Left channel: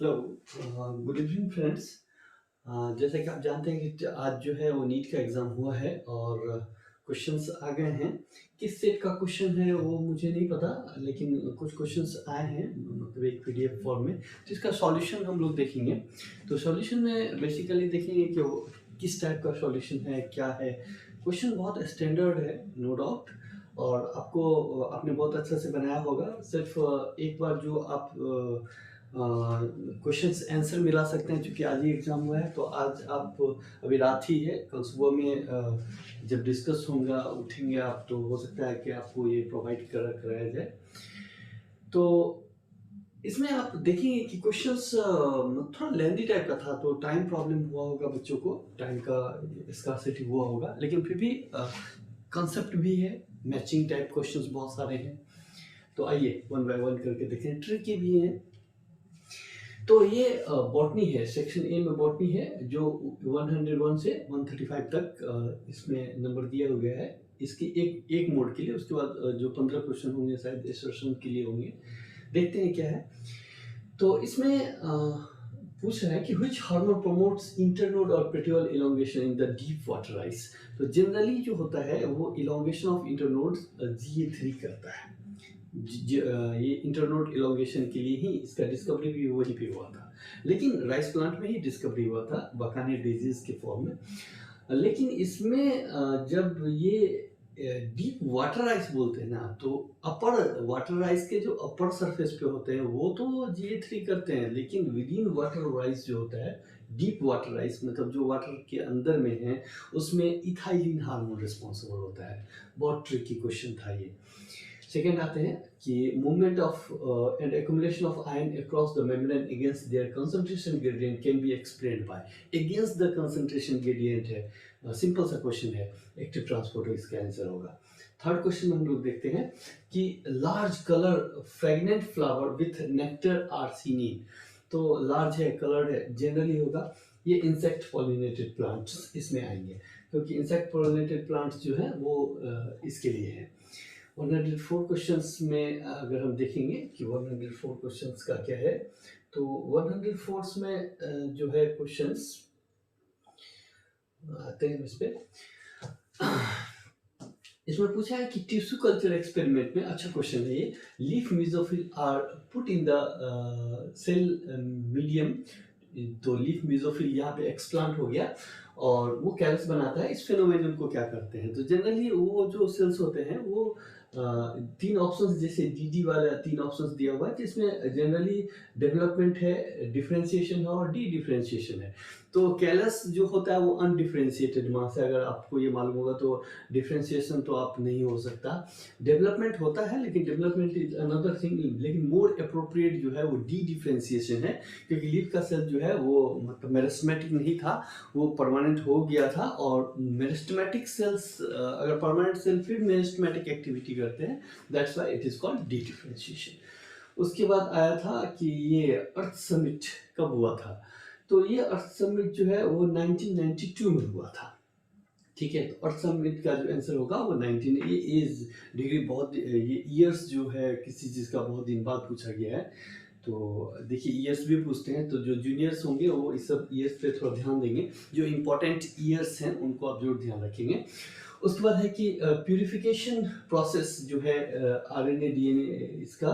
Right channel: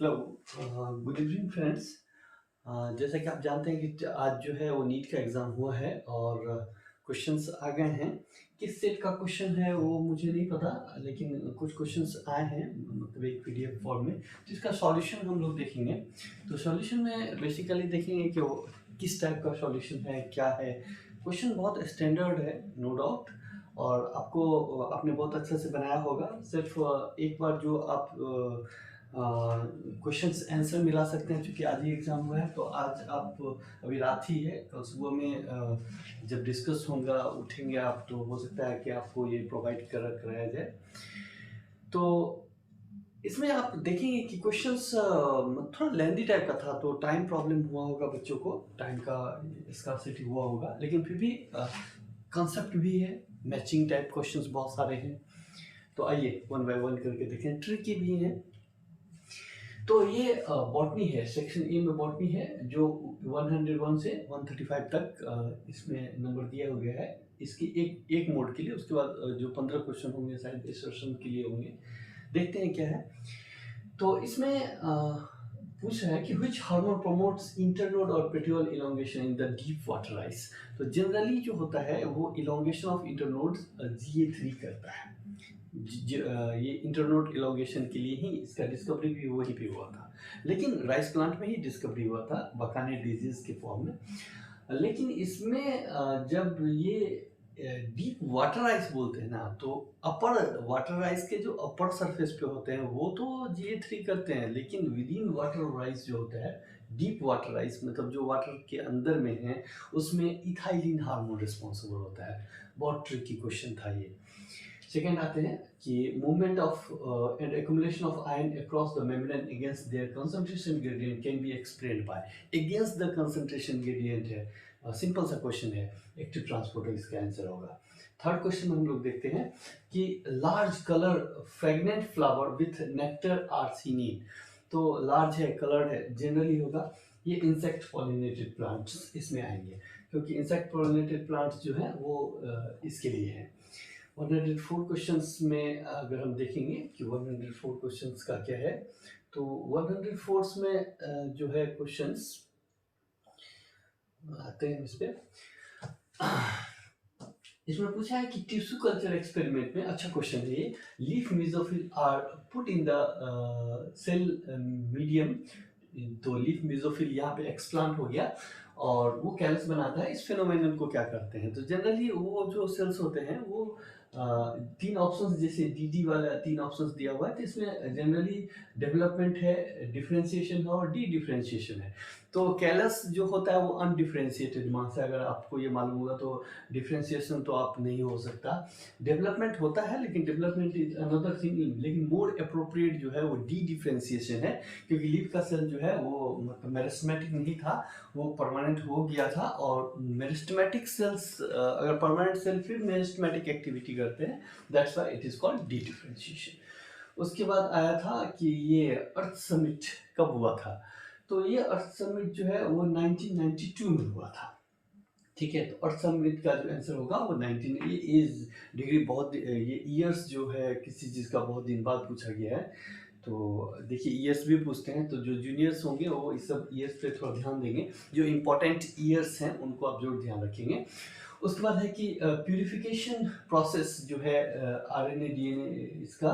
Hello. Good evening friends. जैसा कि आप जानते हैं कि आज जो है वो नीट का एग्ज़ाम हुआ है और क्वेश्चंस आ गए हैं। किस सेट का क्वेश्चन है वो मुझे नहीं पता, लेकिन कुछ क्वेश्चंस आए हैं मतलब एक पीडीएफ फॉर्म में, तो इसका सॉल्यूशन हम लोग देखेंगे। तो सॉल्यूशन में बेसिकली देखेंगे कि वो किस टाइप का सॉल्यूशन है, क्या है। क्वेश्चन बहुत स्टैंडर्ड है, नो डाउट, और आपको आपने बहुत अच्छे से बनाया होगा। सिर्फ एक बार जो आप क्वेश्चंस आंसर मिला सकते हैं, क्योंकि आज ही एग्ज़ाम हुआ है। तो आज आप, अभी रात ही है, कल सुबह में जब डिस्कस होगा उठेंगे आप, तो हो सकता है कि आपको ये प्रोवाइड कराया जाए। तो इसमें आप देखेंगे कि क्वेश्चंस थोड़ा लेंदी टाइप का था, तो टाइम प्रॉब्लम हुआ होगा बच्चों को, टाइम का स्कार्सिटी हुआ होगा, लेकिन फिर भी कॉन्सेप्ट भी है, मैचिंग टाइप क्वेश्चंस बहुत सारे हैं। तो आइए वन बाय वन करके देखें, ट्रिकी भी हैं। तो ये बॉटनी है, सेक्शन ए में बॉटनी है, जो 101 से 135 तक इसमें नंबर दिया हो गया है इसकी एक एक मोड के लिए। उसके बाद जो 15 क्वेश्चन होंगे शायद एसर्शन के लिए होंगे। देखते हैं क्या है। तो इसमें पूछ रहा है कि विच हार्मोन प्रोमोट्स इंटरनोड और petiole elongation in the deep water rice. तो जनरली जो होता है वो इलोंगेशन ऑफ इंटरनोड GA3 करता है। ये इंटरनोड इलोंगेशन के लिए ही इसका डिस्कवरी भी वहीं पे हुआ था, लेकिन राइस प्लांट में ही डिस्कवरी हुआ था बकाने डिजीज के फॉर्म में। लेकिन इसमें जब ये डीप वाटर आइस बोलते हैं ना, तो अपर वाटर आइस के जो अपर सरफेस पे होते हैं वो तो GA3 करते हैं, लेकिन विद इन वाटर आइस जो होता है, डीप वाटर आइस मतलब जो वाटर के अंदर में है, उसमें इथाइलिन हार्मोन रिस्पॉन्सिबल होता है। बहुत ट्रिकी क्वेश्चन था ये। सेकेंड आते हैं कि movement of and accumulation of ion across the membrane against their concentration gradient can be explained by. Against the concentration gradient है, सिंपल सा क्वेश्चन है, एक्टिव ट्रांसपोर्टर इसका आंसर होगा। थर्ड क्वेश्चन हम लोग देखते हैं कि large colour fragrant flower with nectar are seen in. तो लार्ज है, कलर्ड है, जनरली होगा ये इंसेक्ट पॉलिनेटेड प्लांट्स इसमें आएंगे, क्योंकि इंसेक्ट पॉलिनेटेड प्लांट्स जो है वो इसके लिए है। 104 क्वेश्चंस में अगर हम देखेंगे कि 104 क्वेश्चंस का क्या है, तो 104 में जो है क्वेश्चंस आते हैं इस पे। इसमें पूछा है कि टिश्यू कल्चर एक्सपेरिमेंट में, अच्छा क्वेश्चन है ये, leaf mesophyll are put in the cell medium. तो लीफ मेसोफिल यहाँ पे एक्सप्लांट हो गया और वो कैलस बनाता है। इस फिनोमेनन को क्या करते हैं, तो जनरली वो जो सेल्स होते हैं वो तीन ऑप्शंस, जैसे डी वाला तीन ऑप्शंस दिया हुआ है, तो इसमें जनरली डेवलपमेंट है, डिफरेंशिएशन है और डी डिफरेंशिएशन है। तो कैलस जो होता है वो अनडिफरेंशिएटेड मास है, अगर आपको ये मालूम होगा, तो डिफरेंशिएशन तो आप नहीं हो सकता। डेवलपमेंट होता है, लेकिन डेवलपमेंट इज अनदर थिंग, लेकिन मोर अप्रोप्रिएट जो है वो डी डिफरेंशिएशन है, क्योंकि लीफ का सेल जो है वो मतलब मेरिस्टेमेटिक नहीं था, वो परमानेंट हो गया था। और मेरिस्टेमेटिक सेल्स, अगर परमानेंट सेल फिर मेरिस्टेमेटिक एक्टिविटी करते हैं, that's why it is called D differentiation. उसके बाद आया था कि ये अर्थ समिट कब हुआ था, तो ये अर्थ समिट जो है वो 1992 में हुआ था। ठीक है, तो अर्थ समिट का जो आंसर होगा वो 19, ये एज डिग्री बहुत, ये ईयर्स जो है किसी चीज़ का बहुत दिन बाद पूछा गया है। तो देखिए ईयर्स भी पूछते हैं, तो जो जूनियर्स होंगे वो इस सब ईयर्स पे थोड़ा ध्यान देंगे, जो इंपॉर्टेंट ईयर्स हैं उनको आप जरूर ध्यान रखेंगे। उसके बाद है कि प्यूरिफिकेशन प्रोसेस जो है RNA DNA इसका,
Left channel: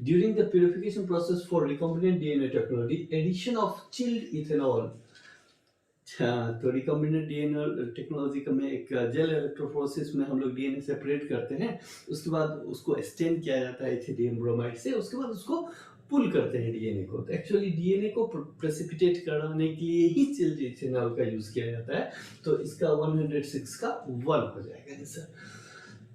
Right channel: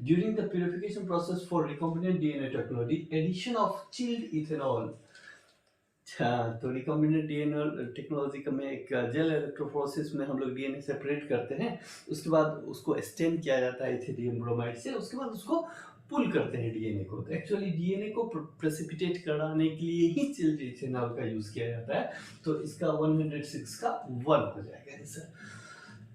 during the purification process for recombinant DNA technology, addition of chilled ethanol. अच्छा, तो रिकॉम्बिनेंट DNA टेक्नोलॉजी का में एक जेल इलेक्ट्रोफोरेसिस में हम लोग DNA सेपरेट करते हैं, उसके बाद उसको स्टेन किया जाता है इथिलियम ब्रोमाइड से, उसके बाद उसको पुल करते हैं DNA को। तो एक्चुअली DNA को प्रेसिपिटेट कराने के लिए ही चिल्ड इथेनॉल का यूज किया जाता है। तो इसका 106 का 1 हो जाएगा आंसर।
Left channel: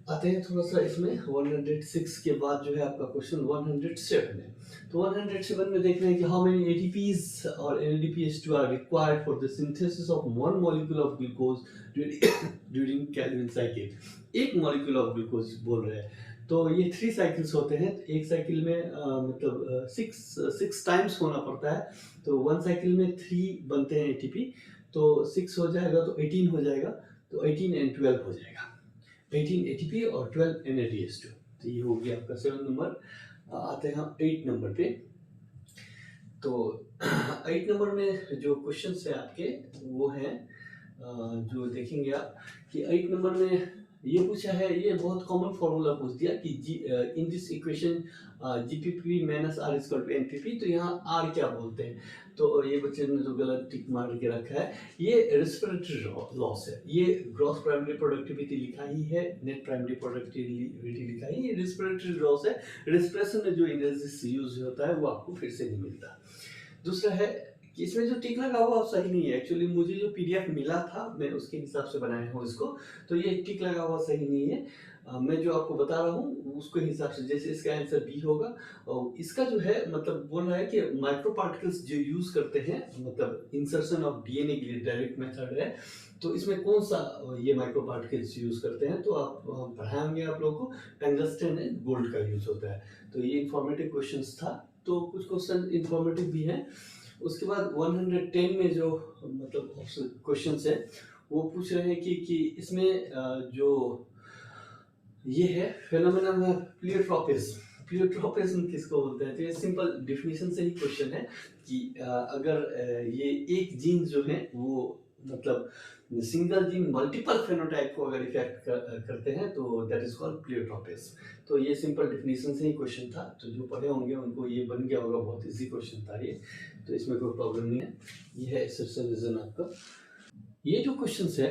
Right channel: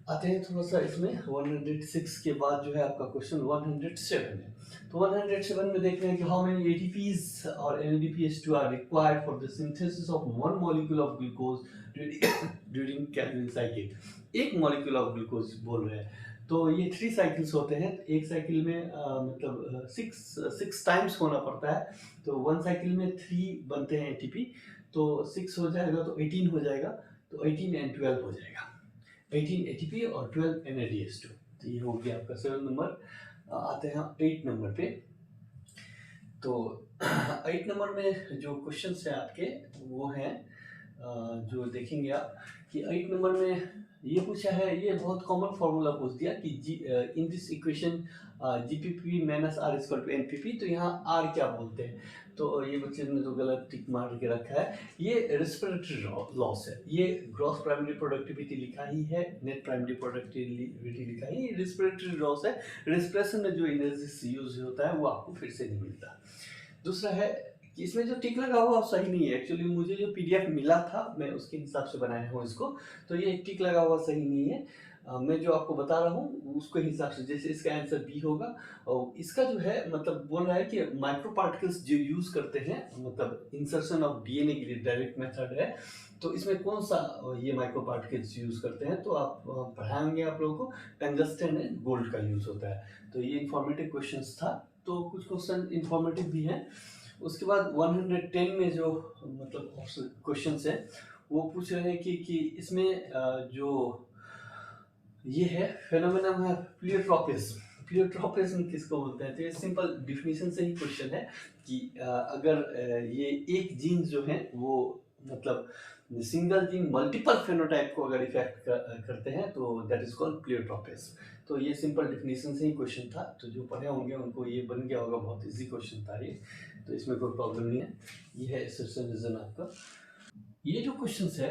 आते हैं थोड़ा सा इसमें, 106 के बाद जो है आपका क्वेश्चन 107 है। तो 107 में देख रहे हैं कि हाउ मेनी ATPs और NADPH2 are required for the synthesis of one molecule of glucose during Calvin cycle. एक मॉलिक्यूल ऑफ ग्लूकोज बोल रहे हैं, तो ये 3 साइकिल्स होते हैं। एक साइकिल में मतलब 6 टाइम्स होना पड़ता है, तो 1 साइकिल में 3 बनते हैं ATP, तो 6 हो जाएगा तो 18 हो जाएगा, तो 18 एंड 12 हो जाएगा, 18 ATP और 12 NADH2। तो ये हो गया आपका 7 नंबर। आते हैं हम 8 नंबर पे। तो 8 नंबर में जो क्वेश्चंस हैं आपके वो हैं जो देखेंगे आप कि 8 नंबर में ये पूछा है, ये बहुत कॉमन फॉर्मूला पूछ दिया कि in this equation GPP minus R equal to NPP, तो यहाँ आर क्या बोलते हैं, तो ये बच्चे ने जो गलत टिक मार के रखा है, ये रेस्पिरेटरी लॉस है, ये ग्रॉस प्राइमरी प्रोडक्टिविटी लिखा ही है, नेट प्राइमरी प्रोडक्टिविटी लिखा ही, ये रेस्पिरेटरी लॉस है, रेस्पिरेशन में जो एनर्जी यूज होता है वो आपको फिर से नहीं मिलता। दूसरा है कि इसमें जो टिक लगा हुआ सही नहीं है, एक्चुअली मुझे जो पीडीएफ मिला था मैं उसके हिसाब से बनाया हूँ इसको, तो ये टिक लगा हुआ सही नहीं है। मैं जो आपको बता रहा हूँ उसके हिसाब से, जैसे इसका आंसर बी होगा, और इसका जो है मतलब बोल रहा है कि माइक्रो पार्टिकल्स जो यूज करते हैं मतलब इंसर्शन ऑफ डीएनए के लिए डायरेक्ट मेथड है, तो इसमें कौन सा ये माइक्रो पार्टिकल्स यूज करते हैं, तो आप पढ़ाएंगे आप लोगों को टंगस्टन एंड गोल्ड का यूज होता है। तो ये इंफॉर्मेटिव क्वेश्चंस था, तो कुछ क्वेश्चन इंफॉर्मेटिव भी हैं। उसके बाद 110 में जो मतलब क्वेश्चंस है वो पूछ रहे हैं कि इसमें जो ये है फेनोमेनन है प्लियोट्रोपिस, प्लियोट्रोपिज्म किसको बोलते हैं, तो ये सिंपल डिफिनीशन से ही क्वेश्चन है कि अगर ये एक जीन जो है वो मतलब सिंगल जीन मल्टीपल फेनोटाइप को अगर इफेक्ट करते हैं तो दैट इज कॉल्ड प्लियोट्रोपिज्म। तो ये सिंपल डिफिनीशन से ही क्वेश्चन था, तो जो पढ़े होंगे उनको ये बन गया होगा, बहुत इजी क्वेश्चन था ये, तो इसमें कोई प्रॉब्लम नहीं है। ये है एक्सरसाइज रीजन आपका। ये जो क्वेश्चन है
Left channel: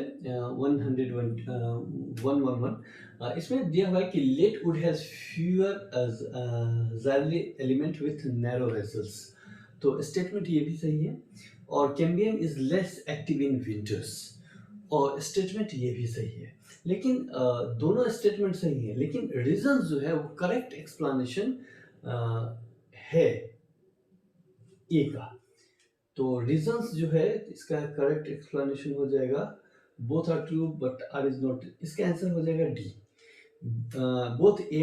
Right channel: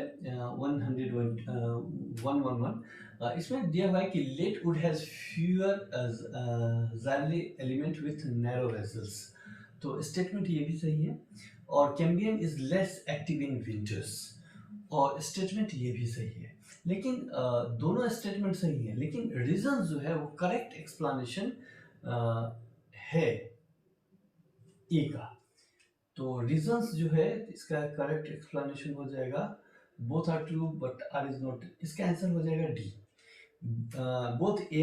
111 इसमें दिया हुआ है कि late wood has fewer xylary element with narrow vessels, तो स्टेटमेंट ये भी सही है, और cambium is less active in winters, और स्टेटमेंट ये भी सही है, लेकिन दोनों स्टेटमेंट सही है, लेकिन रीजन जो है वो करेक्ट एक्सप्लेनेशन है ए का, तो रीजंस जो है इसका करेक्ट एक्सप्लेनेशन हो जाएगा both are true but R is not, इसका आंसर हो जाएगा D, both A and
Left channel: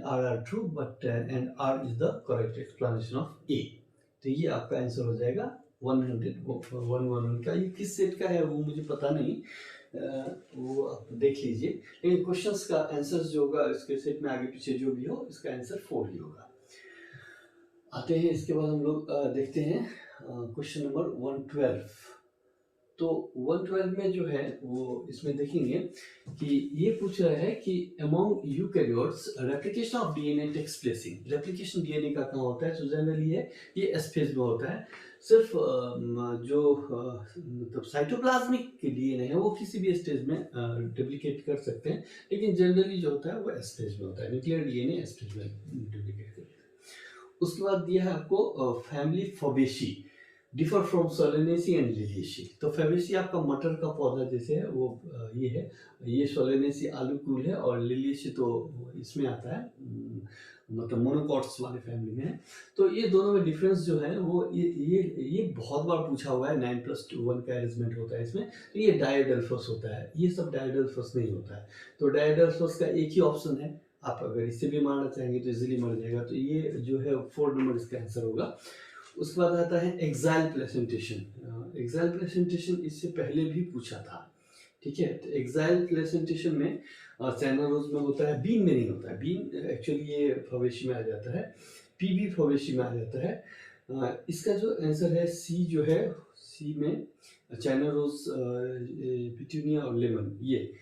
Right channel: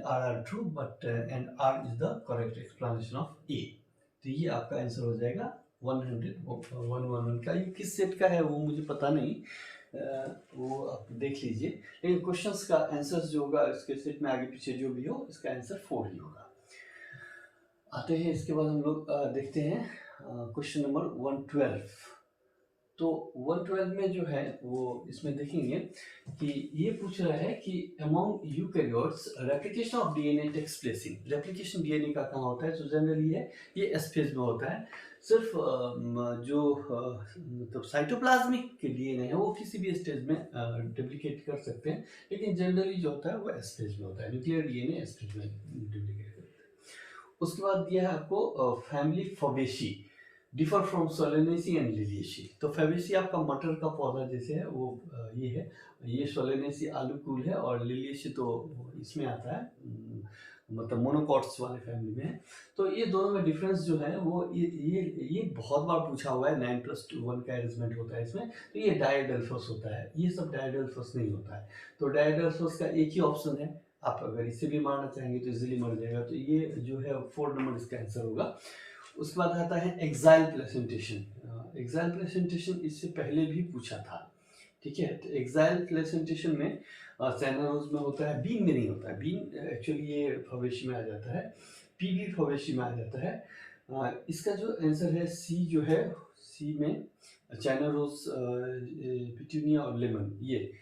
R are true but and R is the correct explanation of A, तो ये आपका आंसर हो जाएगा 111 का। ये किस सेट का है वो मुझे पता नहीं, वो आप देख लीजिए, लेकिन क्वेश्चंस का आंसर जो होगा इसके सेट में आगे पीछे जो भी हो इसका आंसर 4 ही होगा। आते हैं इसके बाद हम लोग देखते हैं क्वेश्चन नंबर 112। तो 112 में जो है वो इसमें देखेंगे कि ये पूछ रहा है कि among eukaryotes replication of DNA takes place in, replication DNA का कहाँ होता है, तो जनरली है ये एस फेज में होता है, सिर्फ जो मतलब साइटोप्लाज्मिक डीएनए है वो किसी भी स्टेज में डुप्लीकेट कर सकते हैं, लेकिन जनरली जो होता है वो एस फेज में होता है, न्यूक्लियर डीएनए एस फेज में डुप्लीकेट करते हैं। उसके बाद दिया है आपको family Fabaceae differ from Solanaceae and Liliaceae, तो फैबेसी आपका मटर का पौधा जैसे है वो ये है, ये सोलेनेसी आलू कूल है, और लिलियेशी तो इसमें आता है मतलब मोनोकॉट्स वाले फैमिली में है। तो ये दोनों में डिफरेंस जो है वो ये बहुत बार पूछा हुआ है, 9+1 का अरेंजमेंट होता है इसमें, तो ये डायडेल्फोस होता है, ये सब डायडेल्फोस नहीं होता है, तो डायडेल्फोस का एक ही ऑप्शन है, आप अगर इससे भी मारना चाहेंगे तो इजीली मर जाएगा, तो ये जो है 4 नंबर इसका आंसर होगा। उसके बाद आता है एक्साइल प्लेसेंटेशन, एक्साइल प्लेसेंटेशन इससे पहले भी पूछा था, ठीक है, तो एक्साइल प्लेसेंटेशन में चाइना रोज में होता है, बीन में नहीं होता है, बीन एक्चुअली ये फवेशी में आ जाता है, पीबी फवेशी में आ जाता है। इसका जो आंसर है सी जो है, सी में चाइना रोज, पिटूनिया और लेमन, ये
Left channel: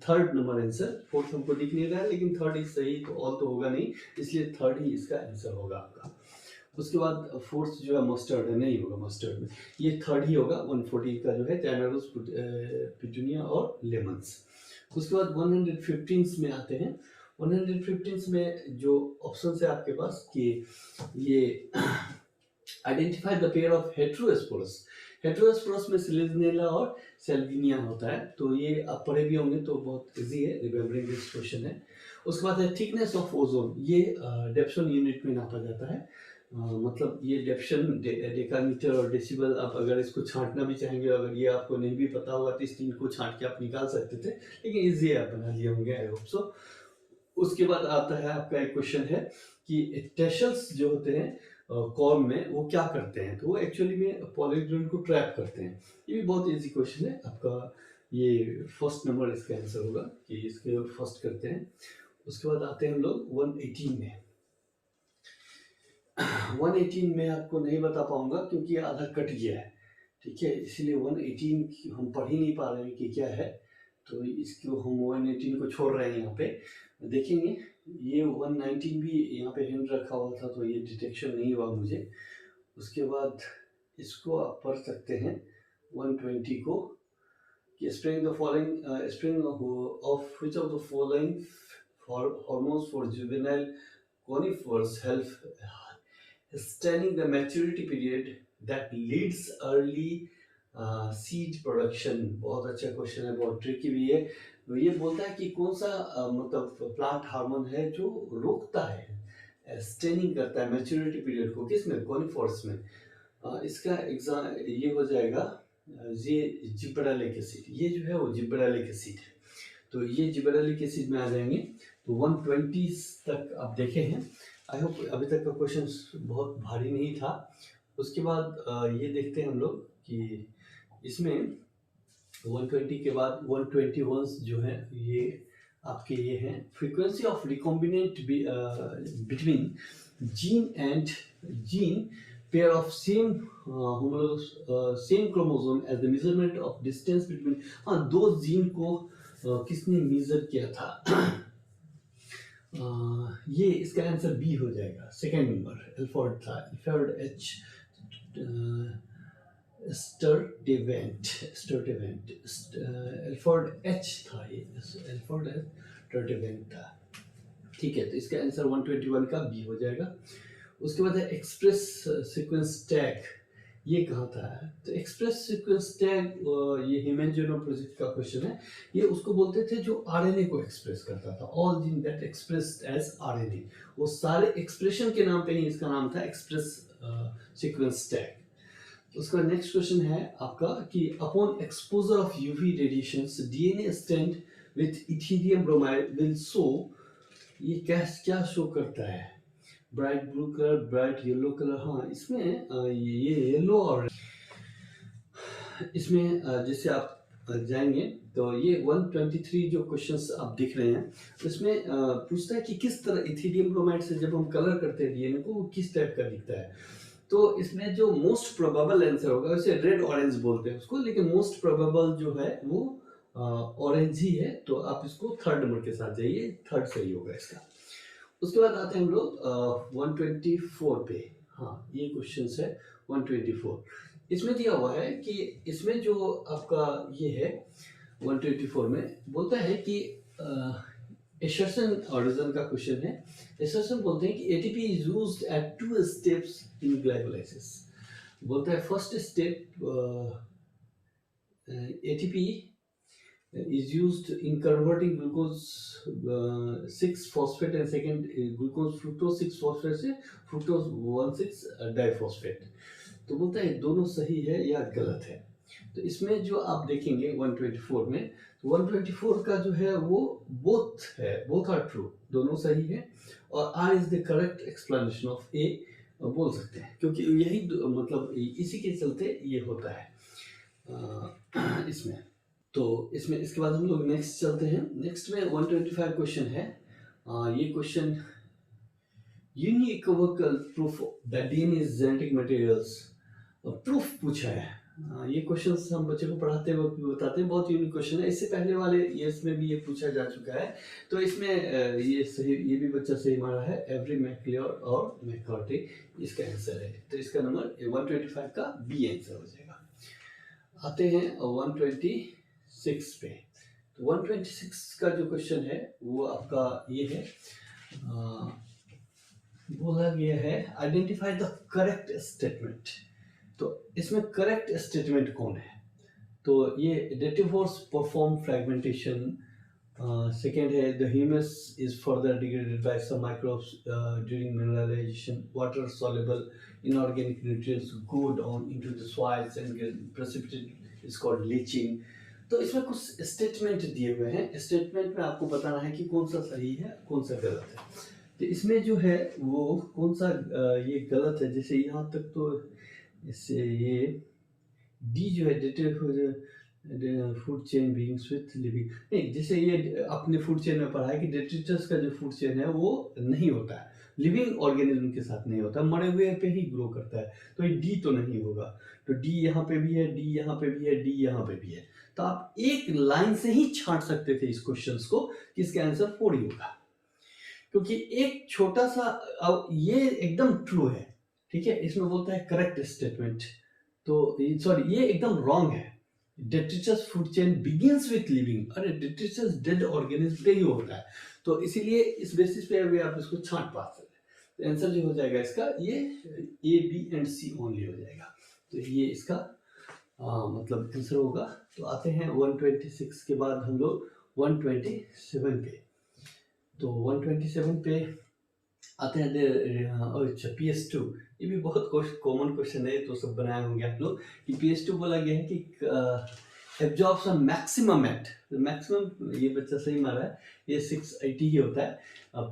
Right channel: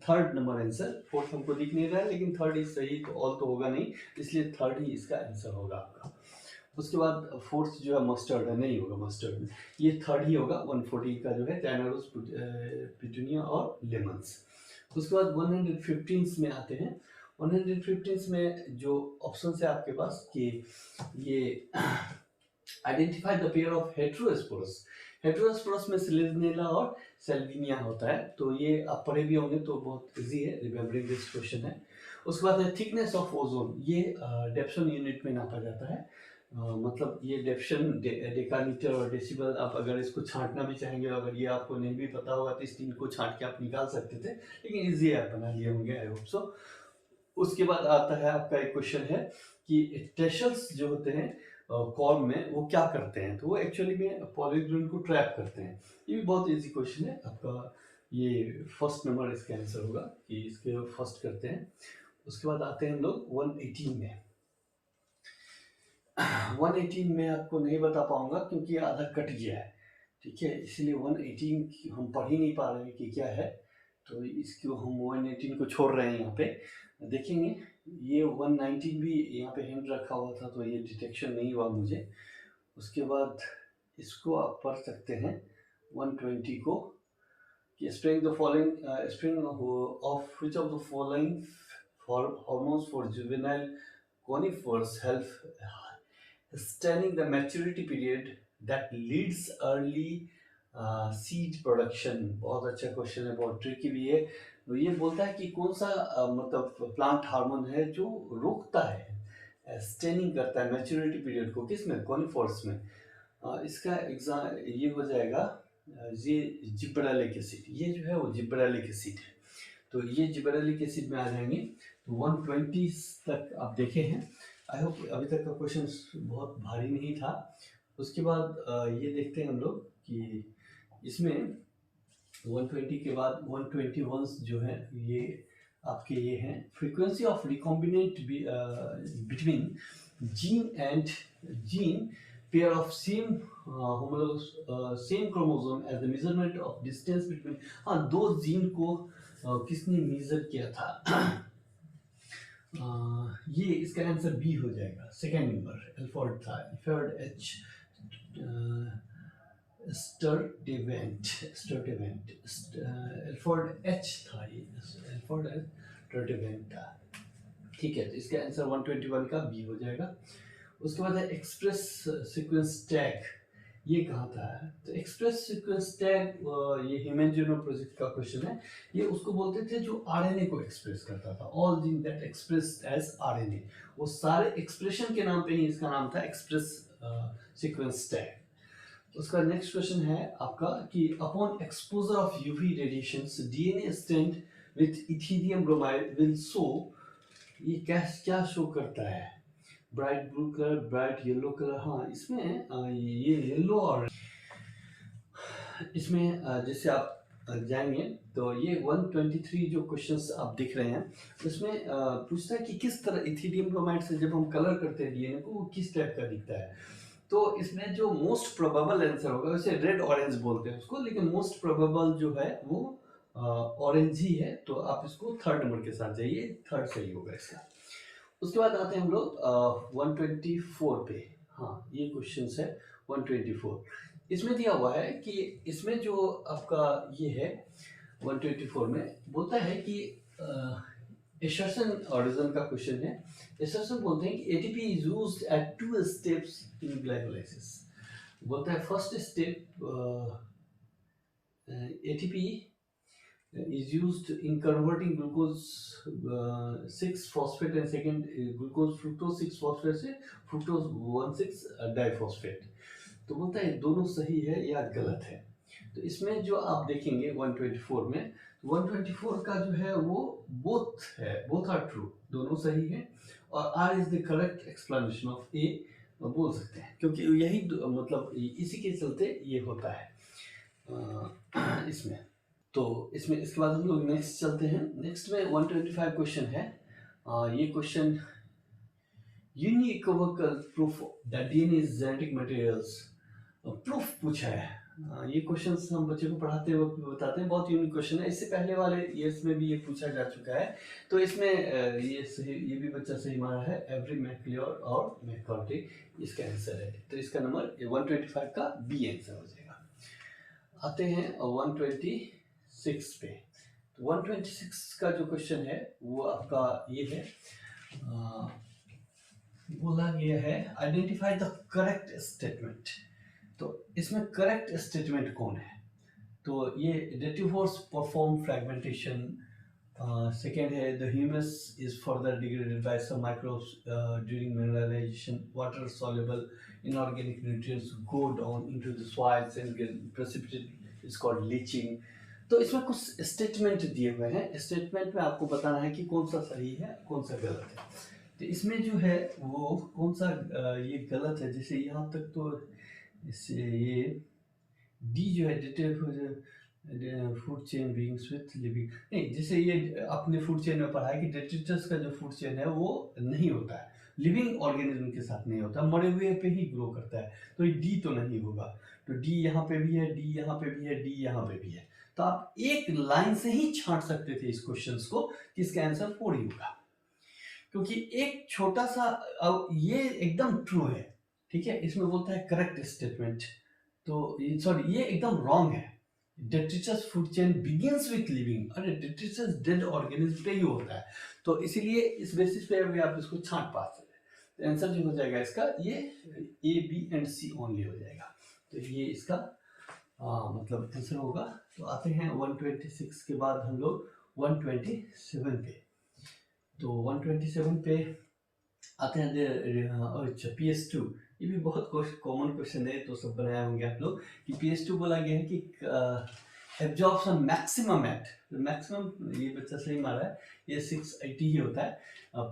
थर्ड नंबर आंसर, फोर्थ हमको दिख नहीं रहा है लेकिन थर्ड इज सही, तो ऑल तो होगा नहीं, इसलिए थर्ड ही इसका आंसर होगा आपका। उसके बाद फोर्थ जो है मस्टर्ड है, नहीं होगा मस्टर्ड में, ये थर्ड ही होगा 140 का जो है चाइना रोज, पिटूनिया और लेमन्स। उसके बाद 115 में आते हैं, 115 में जो ऑप्शन है आपके पास कि ये identify the pair of heterosporous, heterosporous में सिलेजनेला और सेल्विनिया होता है, तो ये आप पढ़े भी होंगे तो बहुत इजी है, रिमेम्बरिंग दिस क्वेश्चन है। उसके बाद है थिकनेस ऑफ ओजोन, ये डेप्सन यूनिट में नापा जाता है, मतलब ये डेप्शन डेकामीटर और डेसिबल, आप अगर इसको छांटना भी चाहेंगे, अगर ये आपको नहीं भी पता होगा तो इस 3 को छांट के आप निकाल सकते थे, लेकिन इजी आप बना लिए होंगे, आई होप सो। उसके बाद आता है आपका एक क्वेश्चन है कि टेशल्स जो होते हैं कॉर्न में वो क्या करते हैं, तो वो एक्चुअली में पॉलीग्रेन को ट्रैप करते हैं, ये भी बहुत इजी क्वेश्चन है आपका, ये फर्स्ट नंबर इसका आंसर होगा कि इसके फर्स्ट करते हैं। उसके बाद आते हैं हम लोग 118 में, 118 मैं आपको नहीं बता पाऊंगा क्योंकि ये आधा कट गया है, ठीक है, इसलिए 118 हम पढ़ ही नहीं पा रहे हैं कि क्या है, तो इसको हम 118 को छोड़ रहे हैं। यहाँ पे देखेंगे ये 119 भी यहाँ पे हैंड रखा हुआ था, तो ये डिटेक्शन नहीं हुआ मुझे। उसके बाद इसको आप पढ़ सकते हैं 120 को कि spring the following spring of which of the following hormones for juvenile conifers help extending the maturity period that leads early seed production। बहुत अच्छा क्वेश्चन है, बहुत ट्रिकी भी है। तो ये बोलता है कि कौन सा मतलब प्लांट हार्मोन है जो रोकता है, स्टेनिंग करता है मैच्योरिटी पीरियड को, किसमें, कॉनिफर्स में। इसका एग्जाम ये हो जाएगा, ये जिब्रेलिक एसिड, ये जो है वो जिब्रेलिक एसिड है, तो ये जिब्रेलिक एसिड में आ जाएंगे। तो 120 तक आप देखे हैं, आई होप अभी तक का क्वेश्चन बहुत भारी नहीं था। उसके बाद ये देखते हैं हम लोग कि इसमें 120 के बाद 121 जो है ये आपके ये हैं frequency of recombinant between gene and gene pair of same homologous same chromosome as the measurement of distance between. हाँ, दो जीन को किसने मेजर किया था? ये इसका आंसर बी हो जाएगा, सेकेंड नंबर एल्फोर्ड था, एल्फोर्ड एच स्टर्टेवेंट एल्फोर्ड एच था, ये एल्फोर्ड एच स्टर्टेवेंट था, ठीक है। तो इसका आंसर 121 का बी हो जाएगा। उसके बाद है एक्सप्रेस सीक्वेंस टैग, ये कहाँ था? तो एक्सप्रेस सीक्वेंस टैग ये हिमेंजेनो प्रोजेक्ट का क्वेश्चन है। ये उसको बोलते थे जो आरएनए को एक्सप्रेस करता था, all gene that expressed as RNA, वो सारे एक्सप्रेशन के नाम पे ही इसका नाम था एक्सप्रेस सीक्वेंस टैग। उसका नेक्स्ट क्वेश्चन है आपका कि upon exposure of UV radiations DNA strand with Ethereum bromide will show, ये क्या शो करता है? Bright blue colour, bright yellow colour. हाँ, इसमें ये येलो और इसमें जैसे आप जाएंगे तो ये 123 जो क्वेश्चंस आप देख रहे हैं इसमें पूछता है कि किस तरह इथेरियम ब्रोमाइड से जब हम कलर करते हैं डीएनए को, वो किस टाइप का दिखता है। तो इसमें जो मोस्ट प्रोबेबल आंसर होगा, उसे रेड ऑरेंज बोलते हैं उसको, लेकिन मोस्ट प्रोबेबल जो है वो ऑरेंज ही है। तो आप इसको थर्ड नंबर के साथ जाइए, थर्ड सही होगा इसका। उसके बाद आते हैं हम लोग 124 पे। हाँ, ये क्वेश्चन है 124। इसमें दिया हुआ है कि इसमें जो आपका ये है 124 में बोलता है कि एसर्शन ऑरिजिन का क्वेश्चन है। एसर्शन बोलते हैं कि ATP is used eight 2 steps in glycolysis. बोलता है first step ATP is used in converting glucose 6-phosphate and second glucose fructose 6-phosphate से fructose 1,6 डाइफॉस्फेट। तो बोलता है दोनों सही है या गलत है। तो इसमें जो आप देखेंगे 124 में, 124 का जो है वो बोथ है, बोथ आर ट्रू, दोनों सही है, और R is the correct explanation of A बोल सकते हैं, क्योंकि यही मतलब इसी के चलते ये होता है इसमें। तो इसमें इसके बाद हम लोग नेक्स्ट चलते हैं। नेक्स्ट में 125 क्वेश्चन है। ये question unequivocal proof that DNA is genetic materials proof पूछा है। ये क्वेश्चंस हम बच्चे को पढ़ाते वक्त बताते हैं, बहुत यूनिक क्वेश्चन है। इससे पहले वाले ईयर्स में भी ये पूछा जा चुका है। तो इसमें ये सही, ये भी बच्चा सही मारा है, एवरी मैक्लियोर और मैककार्टी इसका आंसर है। तो इसका नंबर 125 का बी आंसर हो जाएगा। आते हैं 126 पे। तो 126 का जो क्वेश्चन है वो आपका ये है, बोला गया है आइडेंटिफाई द करेक्ट स्टेटमेंट। तो इसमें करेक्ट स्टेटमेंट कौन है? तो ये डेटिवोर्स परफॉर्म फ्रैगमेंटेशन, सेकेंड है the humus is further degraded by some microbes during mineralization, water soluble inorganic nutrients go down into the soils and precipitate is called leaching. तो इसमें कुछ स्टेटमेंट दिए हुए हैं, स्टेटमेंट में आपको बताना है कि कौन सा सही है कौन सा गलत है। तो इसमें जो है वो कौन सा ये गलत है, जैसे यहाँ तक तो इससे ये डी जो है dative food chain beings with living, नहीं, जैसे ये अपने फूड चेन में पढ़ा है कि डेट्रिटस का जो फूड चेन है वो नहीं होता है, लिविंग ऑर्गेनिज्म के साथ नहीं होता, मरे हुए पे ही ग्रो करता है। तो ये डी तो नहीं होगा, तो डी यहाँ पे भी है, डी यहाँ पे भी है, डी यहाँ पे भी है। तो आप एक लाइन से ही छांट सकते थे इस क्वेश्चन को कि इसका आंसर 4 ही होगा, क्योंकि एक छोटा सा ये एकदम ट्रू है, ठीक है, इसमें बोलता है करेक्ट स्टेटमेंट, तो सॉरी ये एकदम रॉन्ग है। Detritus food chain begins with living, अरे डेट्रिटस डेड ऑर्गेनिज्म पे ही होता है, तो इसीलिए इस बेसिस पे अभी आप इसको छांट पा सकते हैं। तो आंसर जो हो जाएगा इसका ये A B and C only हो जाएगा, तो ये इसका मतलब आंसर होगा। तो आते हैं 126 के बाद हम लोग 127 पे। तो 127 पे आते हैं अच्छा PS2, ये भी बहुत कॉमन क्वेश्चन है, तो सब बनाए होंगे आप लोग कि PS2 बोला गया है कि एब्जॉर्प्शन मैक्सिमम एट, मैक्सिमम ये बच्चा सही मारा है, ये 680 ही होता है,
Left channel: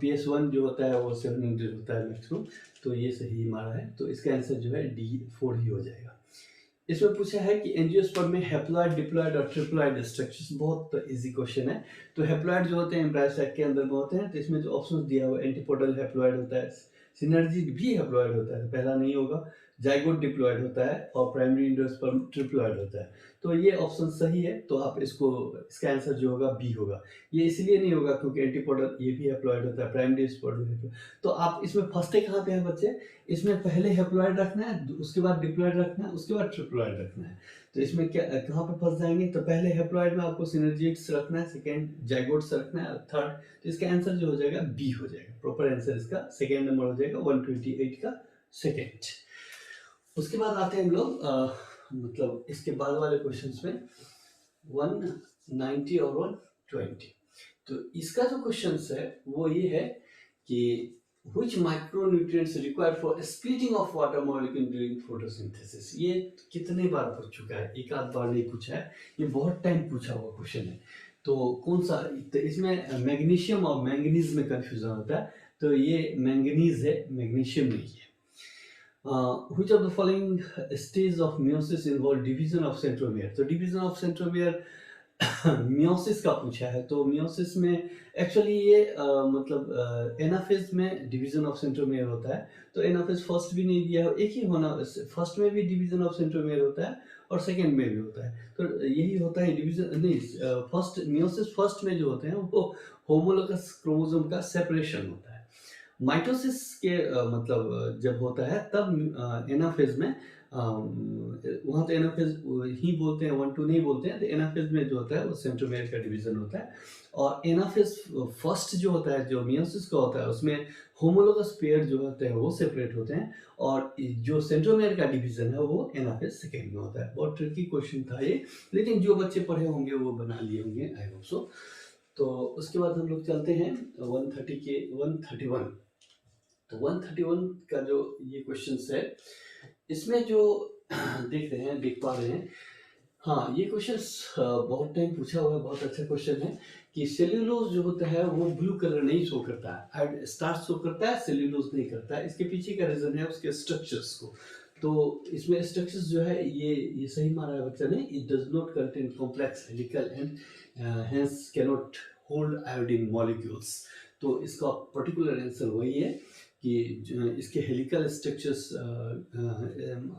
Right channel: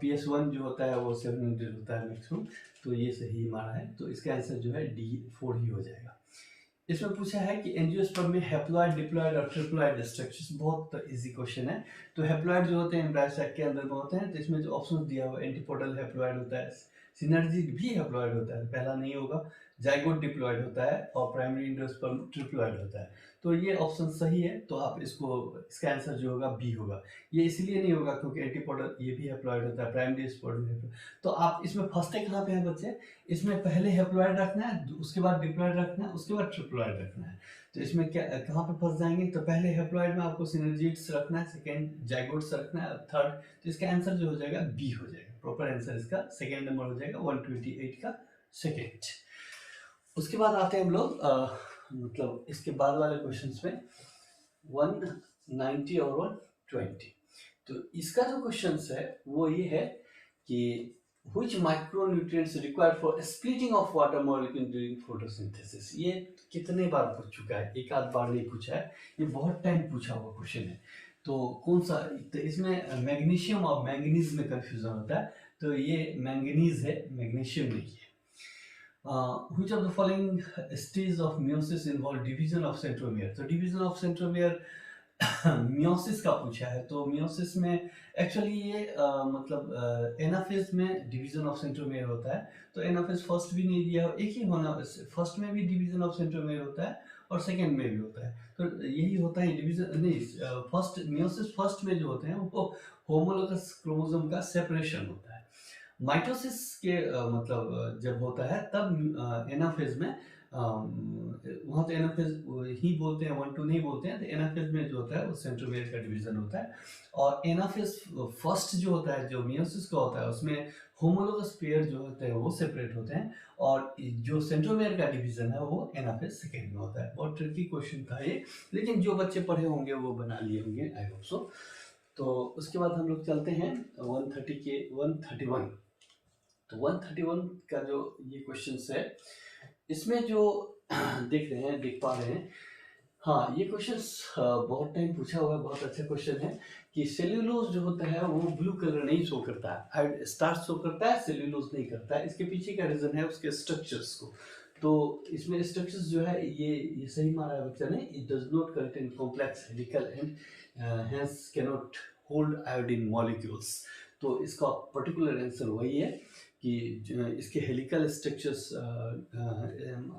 PS1 जो होता है वो 700 होता है मैक्सिमम, तो ये सही मारा है, तो इसका आंसर जो है D4 ही हो जाएगा। इसमें पूछा है कि एंजियोस्पर्म में हैप्लॉइड, डिप्लॉइड और ट्रिप्लॉइड स्ट्रक्चर्स, बहुत इजी क्वेश्चन है। तो हैप्लॉइड जो होते हैं एम्ब्रायो सैक के अंदर में होते हैं, तो इसमें जो ऑप्शन दिया हुआ है एंटीपोडल हैप्लॉइड होता है, सिनर्जिड भी हैप्लॉइड होता है, पहला नहीं होगा, जाइगोट डिप्लॉइड होता है और प्राइमरी एंजियोस्पर्म ट्रिप्लॉइड होता है। तो ये ऑप्शन सही है, तो आप इसका आंसर जो होगा बी होगा। ये इसलिए नहीं होगा क्योंकि एंटीपोडल ये भी हैप्लॉइड होता है, प्राइमरी स्पर्म, तो आप इसमें फंसते कहाँ पे हैं बच्चे, इसमें पहले हैप्लॉइड रखना है, उसके बाद डिप्लॉइड रखना है, उसके बाद ट्रिप्लॉइड रखना है। तो इसमें क्या कहाँ पे फंस जाएंगे, तो पहले हैप्लॉइड में आपको सिनर्जिड्स रखना है, सेकंड जाइगोट्स रखना है, थर्ड, तो इसका आंसर जो हो जाएगा बी हो जाएगा, प्रॉपर आंसर इसका सेकंड नंबर हो जाएगा 128 का सेकंड। उसके बाद आते हैं हम लोग मतलब इसके बाद वाले क्वेश्चंस में 190 और 120। तो इसका जो क्वेश्चंस है वो ये है कि which micronutrients required for splitting of water molecule during photosynthesis। ये कितने बार पूछ चुका है, एक आध बार नहीं पूछा है, ये बहुत टाइम पूछा हुआ क्वेश्चन है। तो कौन सा, तो इसमें मैग्नीशियम और मैंगनीज में कंफ्यूजन होता है, तो ये मैंगनीज है, मैग्नीशियम नहीं है। Which of the following stages of meiosis involve division of centromere। तो division of centromere मियोसिस का पूछा है, तो मियोसिस में एक्चुअली ये मतलब एनाफेज में डिवीजन ऑफ सेंट्रोमेयर होता है, तो एनाफेज फर्स्ट भी नहीं दिया, एक ही होना, फर्स्ट में भी डिवीजन ऑफ सेंट्रोमेयर होता है और सेकंड में भी होता है, तो यही होता है डिवीजन नहीं, फर्स्ट मियोसिस फर्स्ट में जो होते हैं वो होमोलोगस क्रोमोसोम का सेपरेशन होता है। माइटोसिस के मतलब जब होता है तब एनाफेज में वहाँ तो एनाफेज ही बोलते हैं, 1-2 नहीं बोलते हैं, तो एनाफेज में जो होता है वो सेंट्रोमेयर का डिवीजन होता है, और एनाफेज फर्स्ट जो होता है, जो मियोसिस का होता है, उसमें होमोलोगस पेयर जो होते हैं वो सेपरेट होते हैं, और जो सेंट्रोमेयर का डिवीजन है वो एनाफेज सेकेंड में होता है। बहुत ट्रिकी क्वेश्चन था ये, लेकिन जो बच्चे पढ़े होंगे वो बना लिए होंगे, आई होप सो। तो उसके बाद हम लोग चलते हैं 130 के 131। तो 131 का जो ये क्वेश्चन है, इसमें जो देख पा रहे हैं, हाँ ये क्वेश्चन बहुत टाइम पूछा हुआ है, बहुत अच्छा क्वेश्चन है कि सेल्यूलोज जो होता है वो ब्लू कलर नहीं शो करता है, स्टार्च शो करता है, सेल्यूलोज नहीं करता है। इसके पीछे का रीजन है उसके स्ट्रक्चर्स को, तो इसमें स्ट्रक्चर्स जो है ये सही माना है बच्चा ने, it does not contain complex helical and hence cannot hold iodine molecules. तो इसका पर्टिकुलर आंसर वही है कि इसके हेलिकल स्ट्रक्चर्स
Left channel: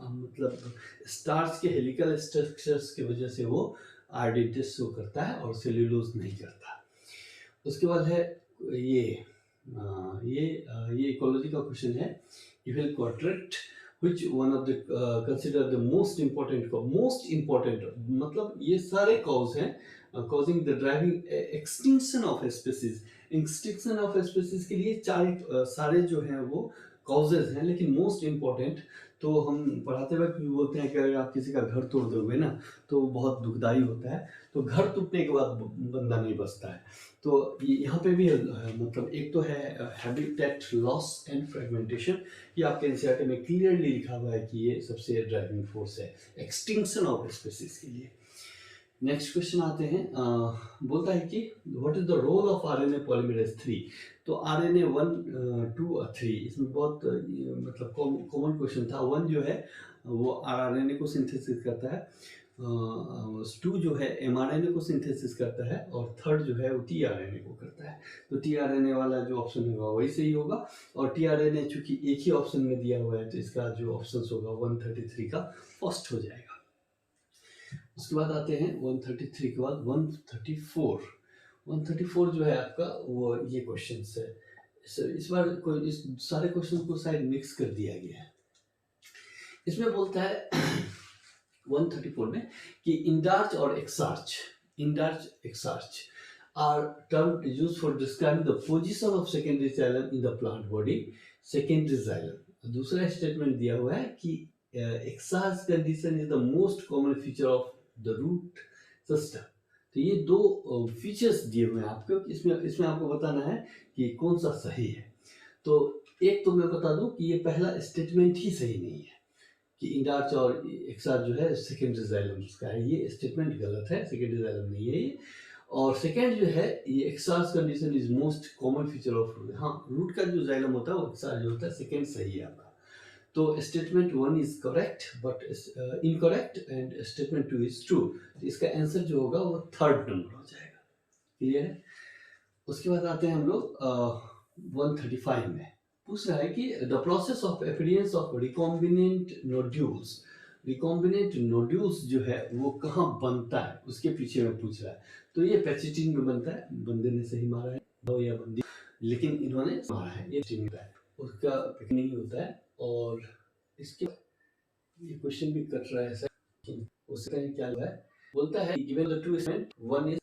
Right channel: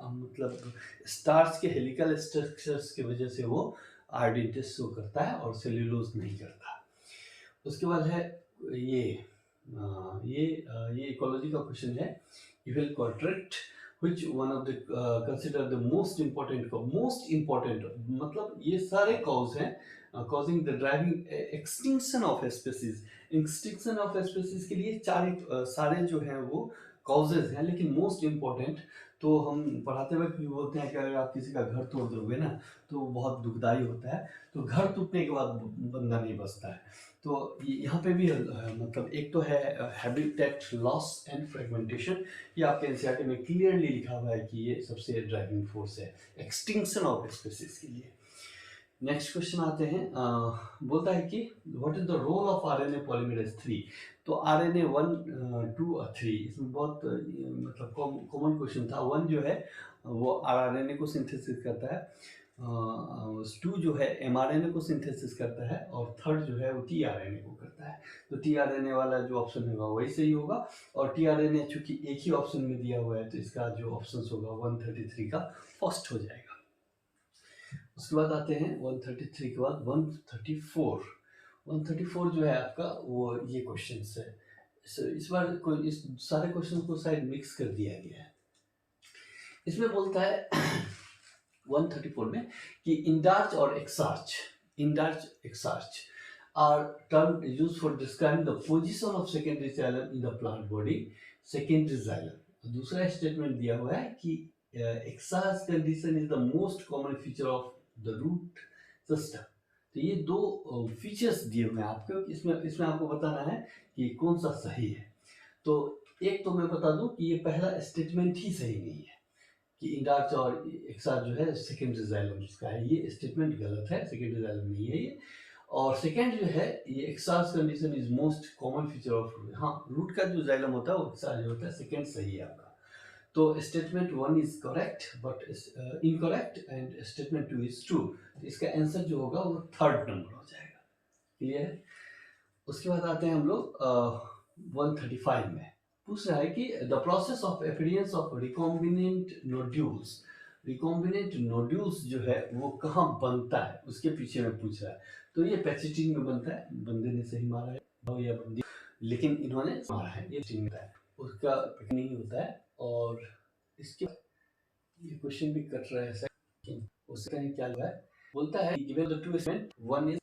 मतलब स्टार्च के हेलिकल स्ट्रक्चर्स की वजह से वो आयोडीन टेस्ट शो करता है और सेल्यूलोज नहीं करता। उसके बाद है ये इकोलॉजी का क्वेश्चन है, evil quadrant which one of the consider the most important मतलब ये सारे कॉज हैं causing the driving extinction of a species। Extinction of species के लिए सारे जो हैं वो कॉजेज हैं, लेकिन मोस्ट इम्पोर्टेंट तो हम पढ़ाते वक्त भी बोलते हैं कि अगर आप किसी का घर तोड़ दोगे ना तो बहुत दुखदाई होता है, तो घर टूटने के बाद बंदा नहीं बचता है। तो यहाँ पे भी मतलब एक तो है हैबिटेट लॉस एंड फ्रेगमेंटेशन, ये आपके एनसीईआरटी में क्लियरली लिखा हुआ है कि ये सबसे ड्राइविंग फोर्स है एक्सटिंक्शन ऑफ स्पीसीज के लिए। नेक्स्ट क्वेश्चन आते हैं, बोलता है कि what is the role of RNA polymerase 3। तो आरएनए 1, 2 और 3, इसमें बहुत मतलब कॉमन क्वेश्चन था। 1 जो है वो आरएनए को सिंथेसिस करता है, टू जो है mRNA को सिंथेसिस करता है और थर्ड जो है वो tRNA को करता है। तो tRNA वाला जो ऑप्शन होगा वही सही होगा, और tRNA चूंकि एक ही ऑप्शन में दिया हुआ है तो इसका जो ऑप्शन होगा 133 का फर्स्ट हो जाएगा। उसके बाद आते हैं 133 के बाद 134। 134 जो है आपका वो ये क्वेश्चन है। इस बार कोई इस सारे क्वेश्चन को शायद मिक्स कर दिया गया है। इसमें बोलता है 134 में कि इंडार्च और exarch are term used for describing the position of secondary xylem in the plant body. Secondary xylem दूसरा स्टेटमेंट दिया हुआ है कि exarch condition is the most common feature of the root system. तो ये दो फीचर्स दिए हुए हैं आपको, इसमें आपको बताना है कि कौन सा सही है। तो एक तो मैं बता दूं कि ये पहला स्टेटमेंट ही सही नहीं है कि इंडार्च और एक्सार्च जो है सेकेंडरी जाइलम का है, ये स्टेटमेंट गलत है, सेकेंडरी जाइलम नहीं है ये। और सेकेंड जो है ये exarch condition is most common feature of root. हाँ, रूट का जो जाइलम होता है वो एक्सार्च जो होता है, सेकेंड सही है आपका। तो statement 1 is correct but incorrect and statement 2 is true. तो इसका आंसर जो होगा वो थर्ड नंबर हो जाएगा। क्लियर है? उसके बाद आते हैं हम लोग 135 में। पूछ रहा है कि the process of appearance of recombinant nodules. Recombinant nodules जो है वो कहाँ बनता है उसके पीछे में पूछ रहा है। तो ये पैचिटिन में बनता है। बंदे ने सही मारा है, या बंदी, लेकिन इन्होंने मारा है, ये ठीक है, उसका नहीं होता है। और इसके ये क्वेश्चन भी कट रहा है सर, उसका क्या है, बोलता है given the two statement one is,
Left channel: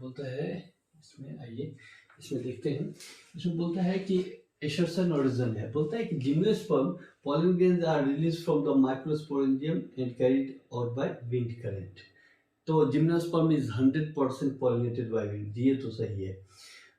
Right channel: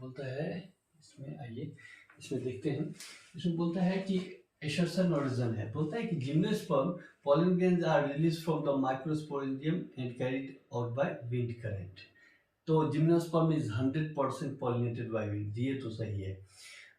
बोलता है इसमें, आइए इसमें देखते हैं। इसमें बोलता है कि एशर्सन ओरिजिन है, बोलता है कि gymnosperm pollen grains are released from the microsporidium and carried out by wind current। तो gymnosperm is 100% pollinated by wind, ये तो सही है।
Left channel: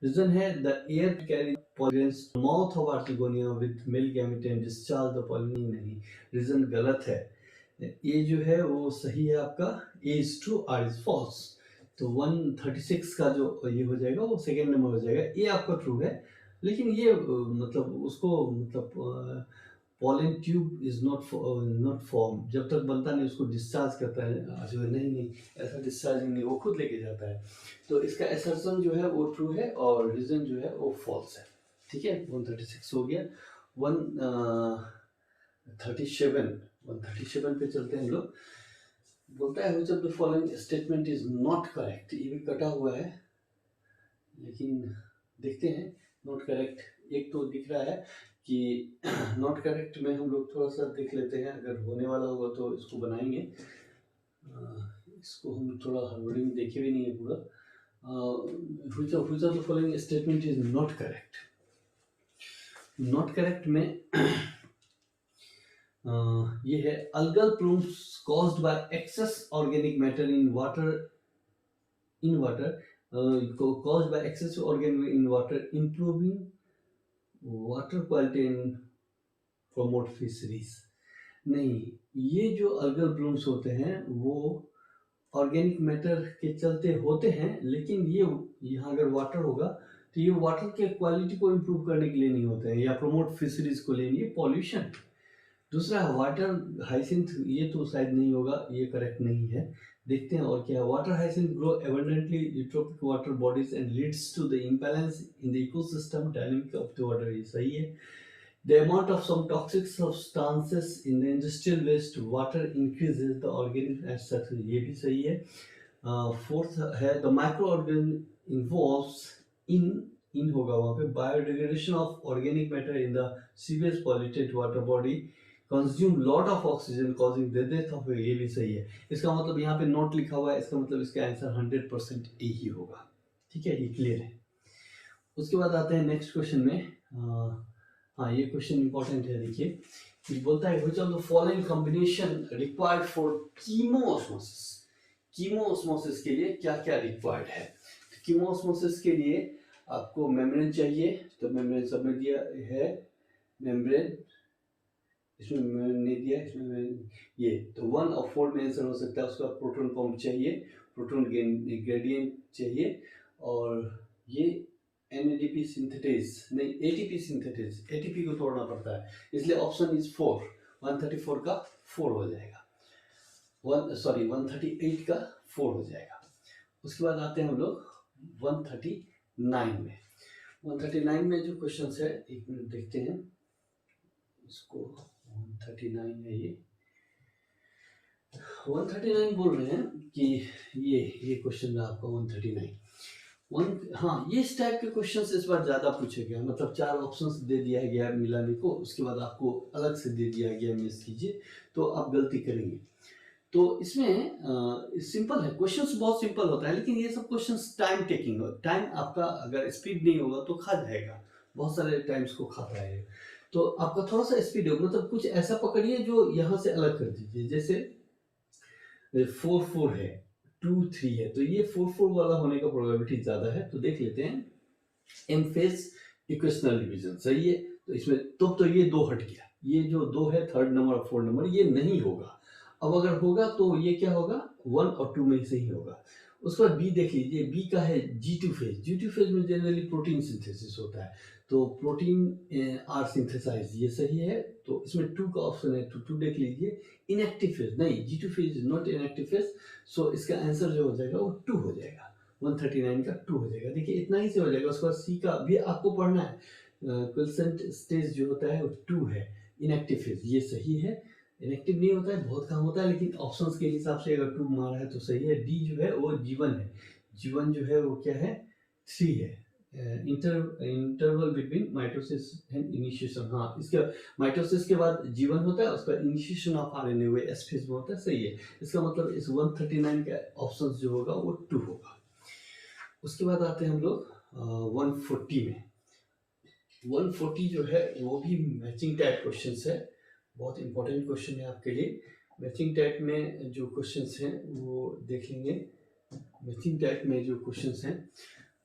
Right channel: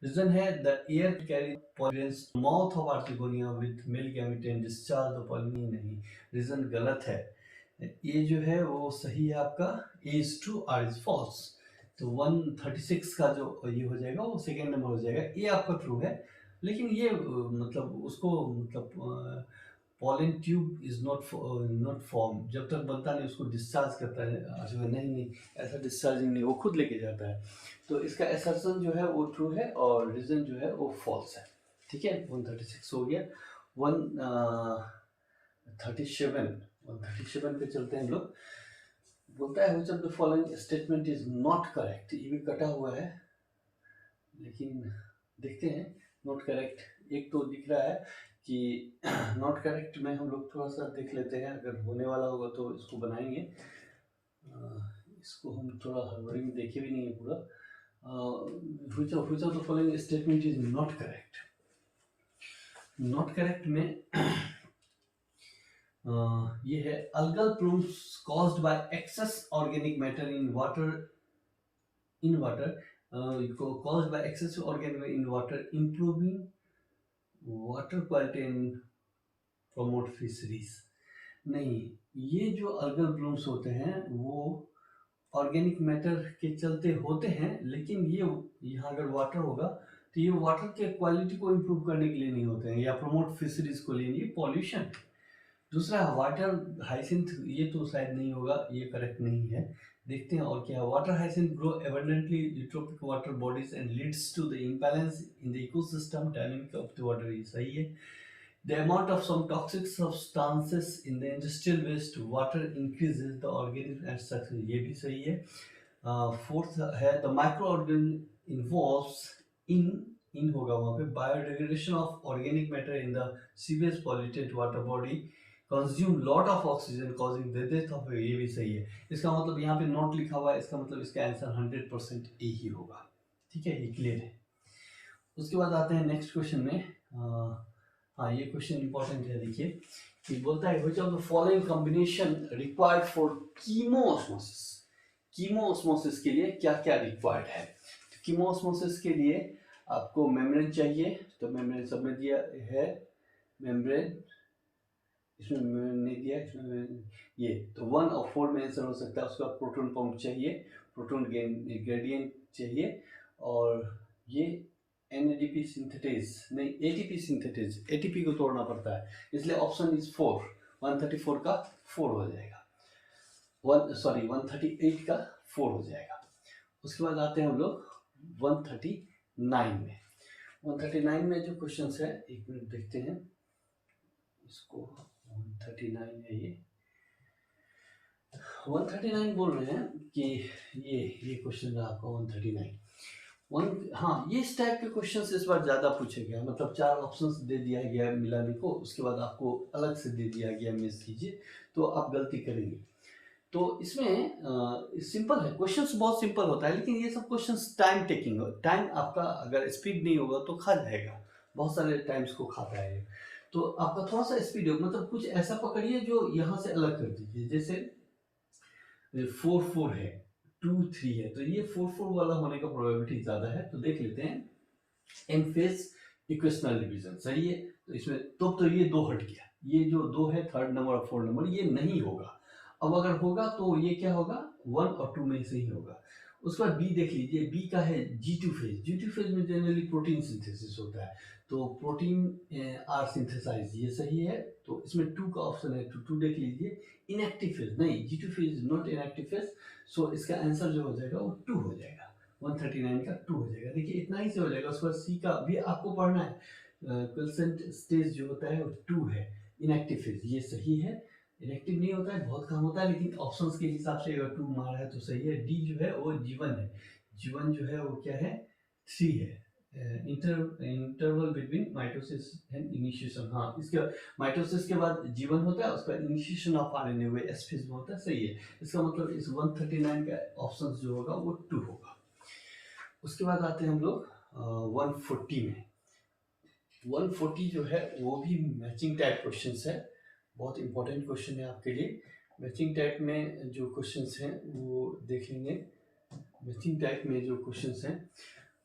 रीजन है the air carry pollen mouth of archegonia with male gamete and discharge the pollen। नहीं, reason गलत है। ये जो है वो सही है आपका, A is true R is false. तो 136 का जो ये हो जाएगा वो सेकेंड नंबर हो जाएगा। ये आपका ट्रू है, लेकिन ये मतलब उसको मतलब pollen tube is not form, जब तक बनता नहीं उसको डिस्चार्ज करता है। नहीं, ऐसा डिस्चार्जिंग नहीं, वो खुद लेके जाता है। तो इसका असर्शन जो है वो ट्रू है और रीजन जो है वो फॉल्स है। ठीक है, 136 हो गया। 137 पे चलते हैं हम लोग। बोलता है which of the following statement is not correct। ये भी कटा हुआ है, लेकिन देखते हैं। नॉट करेक्ट एक तो दिख रहा है कि नॉट करेक्ट में हम लोग थोड़ा सा देख लेते हैं, अगर होने वाला होगा तो इसको बनाएंगे। इसको हम थोड़ा हड़बड़ी में देखे भी नहीं है पूरा। which of the following statement is not correct। Not correct में ये है algal plumes caused by excess organic matter in water caused by excess organic in water improving water quality and promote fisheries। नहीं, ये जो algal plumes होते हैं वो organic matter के चलते होते हैं, लेकिन ये यहाँ अगर वाटर होगा तो ये वाटर के क्वालिटी को इम्प्रूव करने के लिए नहीं होते हैं या प्रमोट फिशरीज को लिए, ये पॉल्यूशन। दूसरा वाटर हाइसिंथ, ये तो शायद नहीं होगा, ये करेक्ट नहीं है। देखते हैं और क्या है। Water hyacinth grow abundantly eutrophic water bodies and leads to the imbalance in the ecosystem dynamic of the water, ये सही है। The amount of some toxic substances in the industrial waste water increases the organism as such, ये भी सही है। Fourth है the microorganism involves in होगा वहाँ पे biodegradation of organic matter in the sewage polluted water body consume lot of oxygen causing the death of, ये भी सही है। इसका मतलब यहाँ पे नोट लिखा हुआ है, इसका मतलब इसका आंसर 100% ए ही होगा। ठीक है, ये क्लियर है। उसके बाद आते हैं नेक्स्ट क्वेश्चन में। हाँ, ये क्वेश्चन इंपॉर्टेंट है, देखिए कि बोलता है which of the following combination required for कीमोऑस्मोसिस। कीमोऑस्मोसिस के लिए क्या क्या रिक्वायर्ड है। तो कीमोऑस्मोसिस के लिए आपको मेम्ब्रेन चाहिए, तो मेम्ब्रेन सब में दिया है। मेम्ब्रेन इसमें नहीं दिया, इसमें ये तो 1 और 4 में आंसर हो सकता है। उसका प्रोटॉन पंप चाहिए, प्रोटॉन ग्रेडियंट चाहिए, और ये NADP सिंथेटेज नहीं, ATP सिंथेटेज, ATP को तोड़ना पड़ता है, इसलिए ऑप्शन इज 4, 134 का 4 हो जाएगा, 138 का 4 हो जाएगा। उसके बाद आते हैं हम लोग 139 में। 139 में जो क्वेश्चन है, एक मिनट देखते हैं इसको। 139 है ये, 139 बोल रहे हैं कि ये क्वेश्चन है आपका 139। हाँ, ये इस टाइप के क्वेश्चंस इस बार ज़्यादा पूछे गया, मतलब 4 ऑप्शंस दे दिया गया है मिलाने को, उसके बाद आपको अलग से दे दिया गया मिस कीजिए, तो आप गलती करेंगे। तो इसमें सिंपल है, क्वेश्चंस बहुत सिंपल होता है, लेकिन ये सब क्वेश्चंस टाइम टेकिंग हो, टाइम आपका अगर स्पीड नहीं होगा तो खा जाएगा, बहुत सारे टाइम्स को खाता है। तो आपका थोड़ा सा स्पीड हो, मतलब कुछ ऐसा पकड़िए जो यहाँ से अलग कर दीजिए, जैसे 4 4 है, 2 3 है, तो ये 4 4 वाला होने का प्रोबेबिलिटी ज़्यादा है। तो देख लेते हैं, एम फेज इक्वेशनल डिवीजन सही है, तो इसमें तो ये 2 हट गया, ये जो 2 है, 3rd नंबर और 4th नंबर, ये नहीं होगा। अब अगर होगा तो ये क्या होगा, 1 और 2 में से ही होगा। उसके बाद बी देख लीजिए, बी का है G2 फेज, G2 फेज में जनरली प्रोटीन सिंथेसिस होता है, तो प्रोटीन आर सिंथेसाइज, ये सही है। तो इसमें 2 का ऑप्शन है, तो 2 देख लीजिए। इनएक्टिव फेज नहीं, G2 phase is not inactive phase, so इसका आंसर जो हो जाएगा वो 2 हो जाएगा, 139 का 2 हो जाएगा। देखिए इतना ही से हो जाएगा। उसके बाद सी का भी आपको पढ़ना है, क्विसेंट स्टेज जो होता है वो 2 है, इनएक्टिव फेज, ये सही है। इनएक्टिव नहीं होता है, बहुत कम होता है, लेकिन ऑप्शंस के हिसाब से अगर 2 मारा है तो सही है। डी जो है वो G1 है, G1 जो है वो क्या है, 3 है, interval between mitosis and initiation. हाँ, इसके माइटोसिस के बाद G1 होता है, उसका इनिशिएशन ऑफ RNA हुए एस फेज में होता है, सही है। इसका मतलब इस 139 का ऑप्शन जो होगा वो 2 होगा। उसके बाद आते हैं हम लोग 140 में। 140 जो है वो भी मैचिंग टाइप क्वेश्चन है, बहुत इंपॉर्टेंट क्वेश्चन है आपके लिए। मैचिंग टाइप में जो क्वेश्चंस हैं वो देखेंगे। मैचिंग टाइप में जो क्वेश्चंस हैं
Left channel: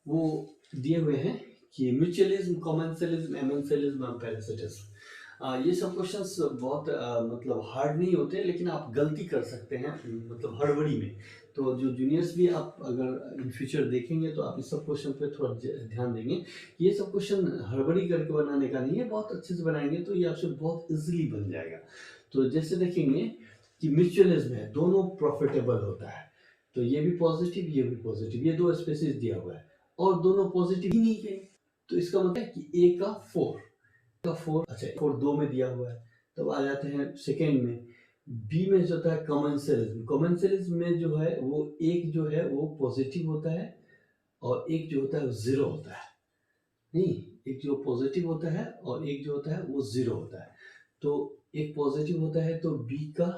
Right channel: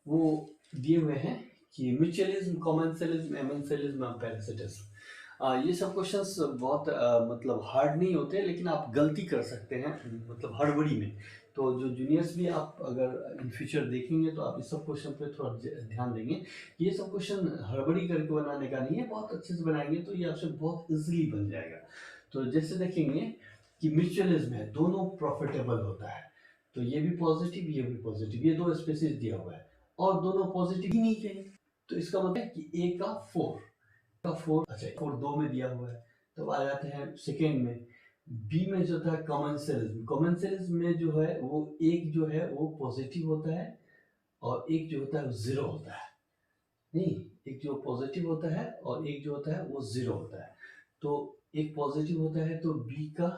वो दिए हुए हैं कि म्यूचुअलिज्म, कॉमेंसलिज्म, एमेंसलिज्म और पैरासिटिज्म। ये सब क्वेश्चंस बहुत मतलब हार्ड नहीं होते, लेकिन आप गलती कर सकते हैं मतलब हड़बड़ी में। तो जो जूनियर्स भी आप अगर इन फ्यूचर देखेंगे तो आप इस सब क्वेश्चन पे थोड़ा ध्यान देंगे। ये सब क्वेश्चन हड़बड़ी करके बनाने का नहीं है, बहुत अच्छे से बनाएंगे तो ये आपसे बहुत इजीली बन जाएगा। तो जैसे देखेंगे कि म्यूचुअलिज्म है, दोनों प्रॉफिटेबल होता है, तो ये भी पॉजिटिव, ये भी पॉजिटिव, ये 2 स्पेसिस दिया हुआ है और दोनों पॉजिटिव ही नहीं कहीं, तो इसका मतलब है कि ए का 4 अच्छा 4 2 में दिया हुआ है। तब आ जाते हैं सेकेंड में, बी में जो होता है कॉमेंसलिज्म। कॉमेंसलिज्म में जो है वो एक जो है वो पॉजिटिव होता है और एक जो होता है वो 0 होता है। नहीं, एक जो पॉजिटिव होता है और एक जो होता है वो 0 होता है। तो एक पॉजिटिव होता है तो बी का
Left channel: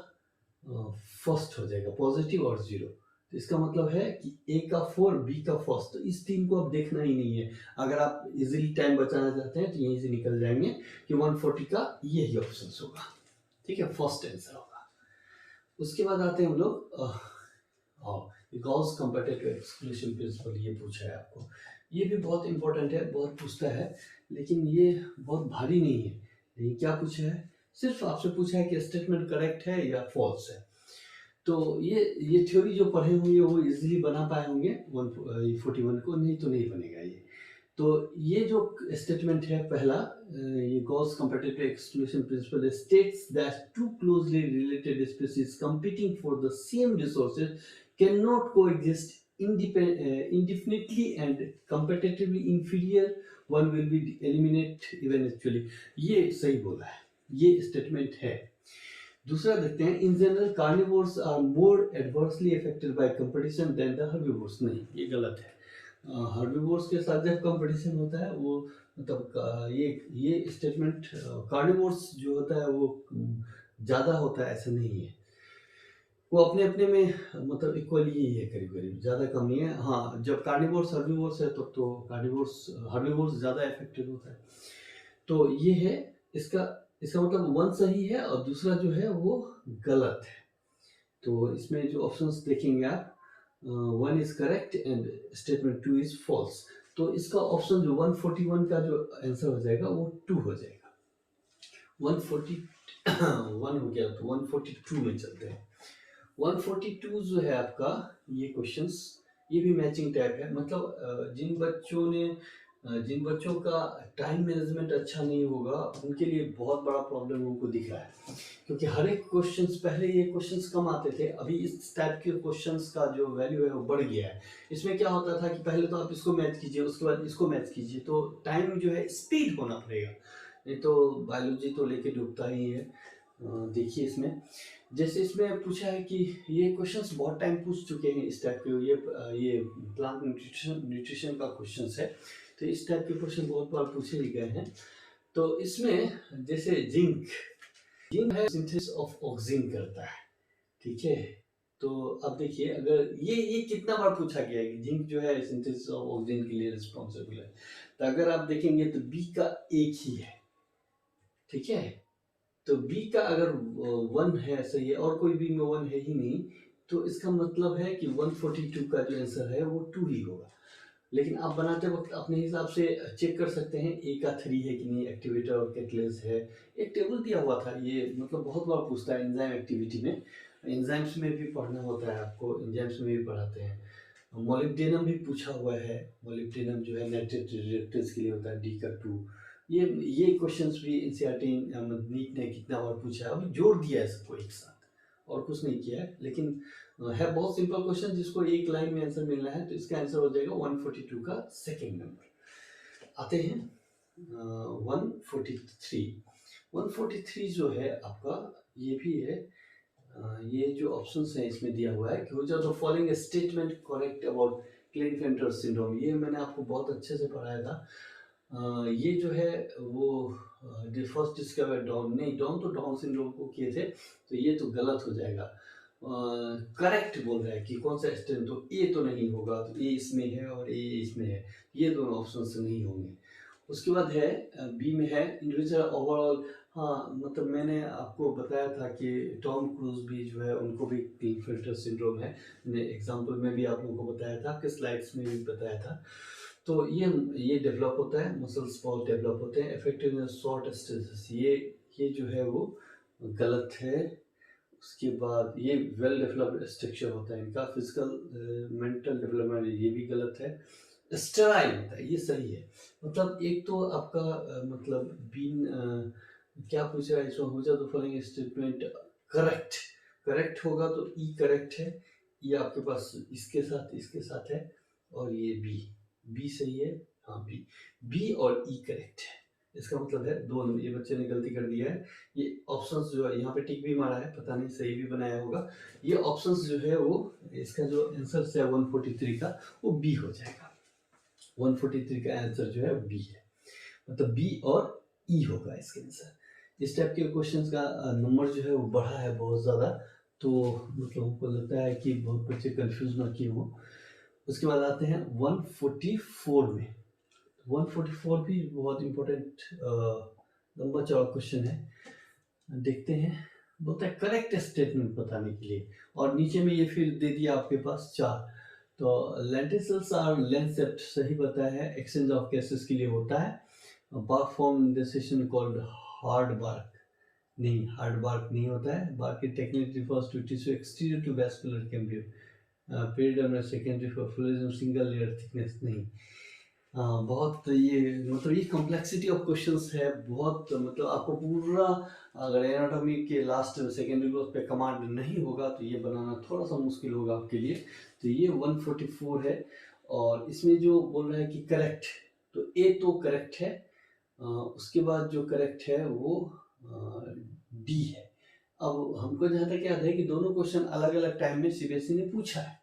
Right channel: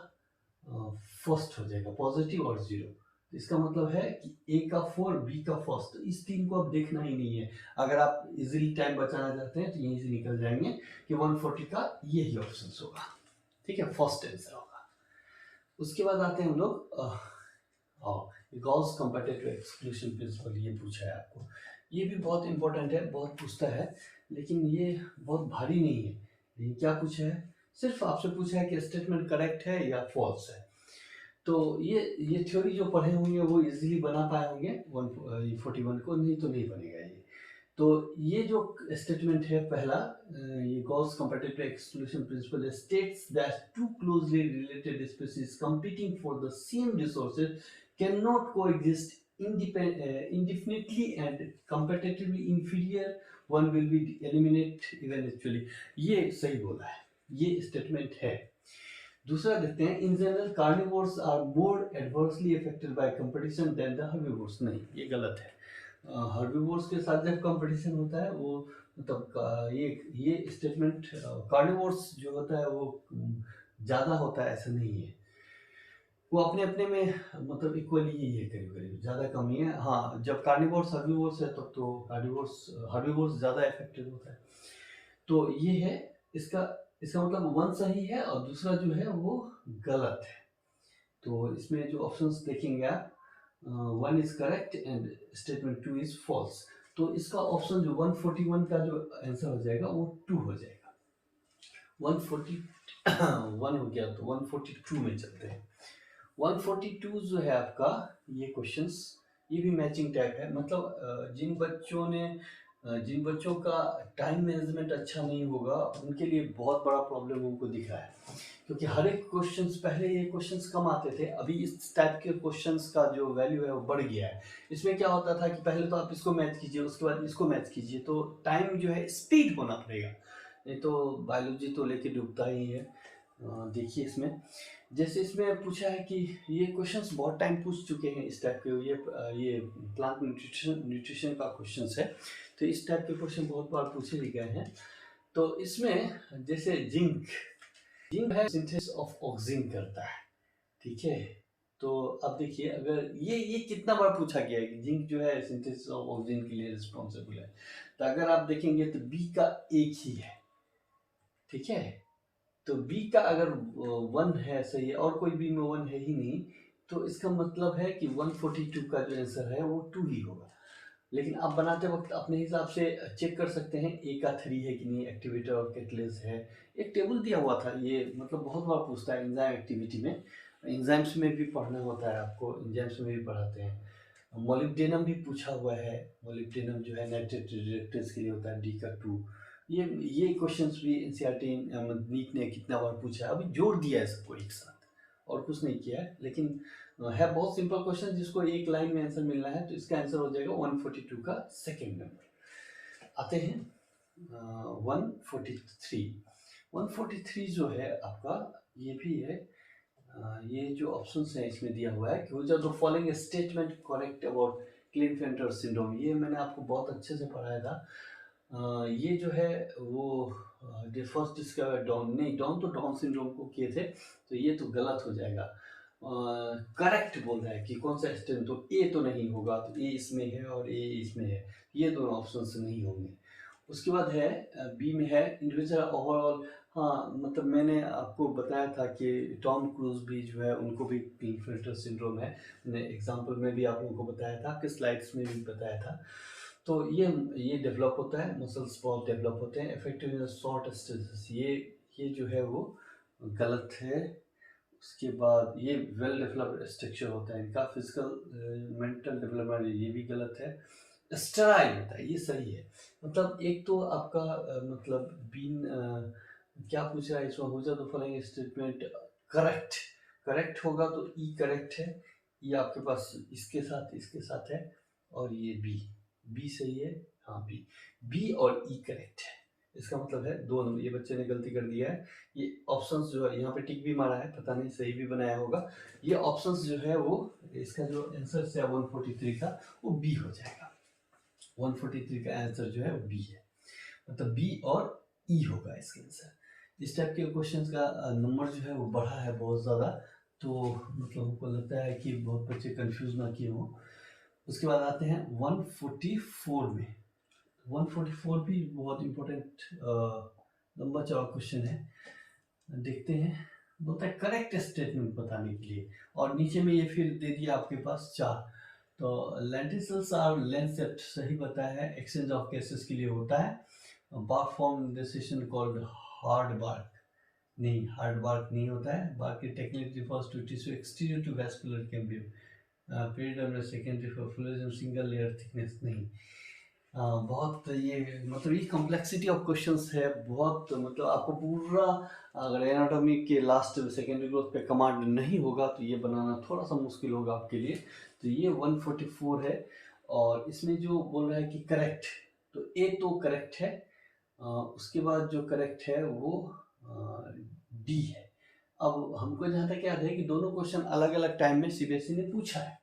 फर्स्ट हो जाएगा, पॉजिटिव और 0। तो इसका मतलब है कि ए का 4, बी का फर्स्ट, तो इस 3 को अब देखना ही नहीं है। अगर आप इजीली टाइम बचाना चाहते हैं तो यहीं से निकल जाएंगे कि 140 का यही ऑप्शन होगा, ठीक है, फर्स्ट आंसर होगा। उसके बाद आते हैं हम लोग गॉस कंपैरेटिव एक्सक्लूशन प्रिंसिपल, ये पूछा है आपको, ये भी बहुत इंपॉर्टेंट है, बहुत पूछता है, लेकिन ये बहुत भारी नहीं है। ये क्या पूछा है, सिर्फ आपसे पूछा है कि स्टेटमेंट करेक्ट है या फॉल्स है। तो ये थ्योरी जो पढ़े होंगे वो इजीली बना पाए होंगे 141 को, नहीं तो नहीं बनेगा ये। तो ये जो स्टेटमेंट है पहला, ये Gause comparative exclusion principle states that two closely related species competing for the same resources can not coexist indefinitely and competitively inferior one will be eliminate eventually। ये सही बोला है, ये स्टेटमेंट है। दूसरा देखते हैं, in general carnivores are more adversely affected by competition than the herbivores. नहीं, ये गलत है। हर्बिवोर्स के साथ जब कंपटीशन होता है वो मतलब ये स्टेटमेंट कार्निवोर्स जो होता है वो ज़्यादा होता है, ऐसा नहीं है। वो अपने अपने में मतलब इक्वली ही है, करीब करीब, ज़्यादा कम नहीं है। हाँ, जब कार्निवोर्स हर्बिवोर्स है तब तो कार्निवोर्स हर्बिवोर्स ज़्यादा इफेक्टेड होता है। तो ये है इसका इसका मतलब 1 सही है और दूसरा जो है वो गलत है। तो इसमें जो ऑप्शंस देखेंगे आप, 1 is correct and statement 2 is false. तो इसका ऑप्शन जो 141 का जो आंसर हो जाएगा वो 2 हो जाएगा। 141 हो गया, तो 142 में चलते हैं। 142 जो है आपका, ये क्वेश्चंस ये भी मैचिंग टाइप है, मतलब जिन बच्चों ने जिन बच्चों का टाइम मैनेजमेंट अच्छा नहीं होगा उनके लिए बहुत बड़ा प्रॉब्लम उनको दिख रहा है, क्योंकि हर एक क्वेश्चंस, पहले ये क्वेश्चंस कम आते थे, अभी इस टाइप के क्वेश्चंस का जो वैल्यू है वो बढ़ गया है। इसमें क्या होता था कि पहले तो आप इसको मैच कीजिए, उसके बाद इसको मैच कीजिए, तो टाइम जो है स्पीड होना पड़ेगा, नहीं तो बायोलॉजी तो लेके डूबता ही है। देखिए इसमें, जैसे इसमें पूछा है कि ये क्वेश्चंस बहुत टाइम पूछ चुके हैं इस टाइप के, ये प्लांट न्यूट्रिशन का क्वेश्चंस है, तो इस टाइप के क्वेश्चन बहुत बार पूछे गए हैं। तो इसमें जैसे जिंक, जिंक है सिंथेसिस ऑफ ऑक्सीजन करता है, ठीक है। तो अब देखिए, अगर ये कितना बार पूछा गया है कि जिंक जो है सिंथेसिस ऑफ ऑक्सीजन के लिए रिस्पॉन्सिबल है, तो अगर आप देखेंगे तो बी का एक ही है, ठीक है। तो बी का अगर 1 है, सही है, और कोई बी में 1 है ही नहीं, तो इसका मतलब है कि 142 का जो आंसर है वो 2 ही होगा। लेकिन आप बनाते वक्त अपने हिसाब से चेक कर सकते हैं, ए का 3 है कि नहीं, एक्टिवेटर और कैटलिस्ट है। एक टेबल दिया हुआ था, ये मतलब बहुत बार पूछता है एंजाइम एक्टिविटी में, एंजाइम्स में भी पढ़ना होता है आपको, एंजाइम्स में भी पढ़ाते हैं। मोलिब्डेनम भी पूछा हुआ है, मोलिब्डेनम जो है नाइट्रेट रिएक्टेंस के लिए होता है, डी का 2। ये क्वेश्चंस भी एनसीईआरटी नीट ने कितना बार पूछा है, अभी जोड़ दिया है सबको एक साथ और कुछ नहीं किया है, लेकिन है बहुत सिंपल क्वेश्चन जिसको एक लाइन में आंसर मिलना है, तो इसका आंसर हो जाएगा 142 का सेकंड नंबर। आते हैं 143। 143 जो है आपका, ये भी है, ये जो ऑप्शंस है इसमें दिया हुआ है कि which are the following statement correct about Klinefelter syndrome, ये मैंने आपको बहुत अच्छे से पढ़ाया था। ये जो है वो फर्स्ट डिस्कवर डाउन, नहीं डाउन तो डाउन सिंड्रोम को किए थे, तो ये तो गलत हो जाएगा। करेक्ट बोल रहा है कि कौन सा स्टेट, तो ए तो नहीं होगा, तो ए इसमें है और ए इसमें है, ये दोनों ऑप्शन नहीं होंगे। उसके बाद है बी में है इंडिविजुअल ओवरऑल। हाँ, मतलब मैंने आपको बताया था कि टॉम क्रूज भी जो है उनको भी क्लिनफेल्टर सिंड्रोम है, मैंने एग्जांपल में भी आप लोगों को बताया था, आपके स्लाइड्स में भी बताया था। तो ये डेवलप होता है, मसल्स बहुत डेवलप होते हैं, इफेक्टिव शॉर्ट स्टेसिस, ये जो है वो गलत है। उसके बाद ये वेल डेवलप्ड स्ट्रक्चर होता है इनका, फिजिकल मेंटल डेवलपमेंट, ये भी गलत है। स्टेराइल होता है, ये सही है। मतलब एक तो आपका मतलब बीन क्या पूछ रहा है इसमें, हो जाए तो फॉलोइंग स्टेटमेंट करेक्ट, करेक्ट होगा तो ई करेक्ट है, ये आपके पास इसके साथ है, और ये बी सही है, हाँ बी और ई करेक्ट है। इसका मतलब है 2 नंबर, ये बच्चे ने गलती कर दिया है, ये ऑप्शंस जो है यहाँ पे टिक भी मारा है, पता नहीं सही भी बनाया होगा। ये ऑप्शंस जो है वो, इसका जो आंसर है 143 का वो बी हो जाएगा, 143 का आंसर जो है वो बी है, मतलब बी और ई होगा इसका आंसर। इस टाइप के क्वेश्चंस का नंबर जो है वो बढ़ा है बहुत ज़्यादा, तो मतलब हमको लगता है कि बहुत बच्चे कंफ्यूज ना किए हों। उसके बाद आते हैं 144 में। 144 भी बहुत इम्पोर्टेंट लंबा चौड़ा क्वेश्चन है, देखते हैं। बोलता है करेक्ट स्टेटमेंट बताने के लिए, और नीचे में ये फिर दे दिया आपके पास 4। तो लेंटिल्स आर लेंसेप्ट, सही बताया है, एक्सचेंज ऑफ गैसेस के लिए होता है। Bark form decision called hard bark, नहीं हार्ड बार्क नहीं होता है। बार्क की technique refers to tissue exterior to vascular cambium, periderm secondary for florism single layer thickness, नहीं। हाँ, बहुत ये मतलब ये कॉम्प्लेक्सिटी ऑफ क्वेश्चंस है बहुत, मतलब आपको पूरा, अगर एनाटॉमी के लास्ट सेकेंडरी ग्रोथ पे कमांड नहीं होगा तो ये बनाना थोड़ा सा मुश्किल होगा आपके लिए। तो ये 144 है, और इसमें जो बोल रहा है कि करेक्ट, तो ए तो करेक्ट है, उसके बाद जो करेक्ट है वो डी है। अब हमको जहाँ तक याद है कि दोनों क्वेश्चन अलग अलग टाइम में सीबीएसई ने पूछा है,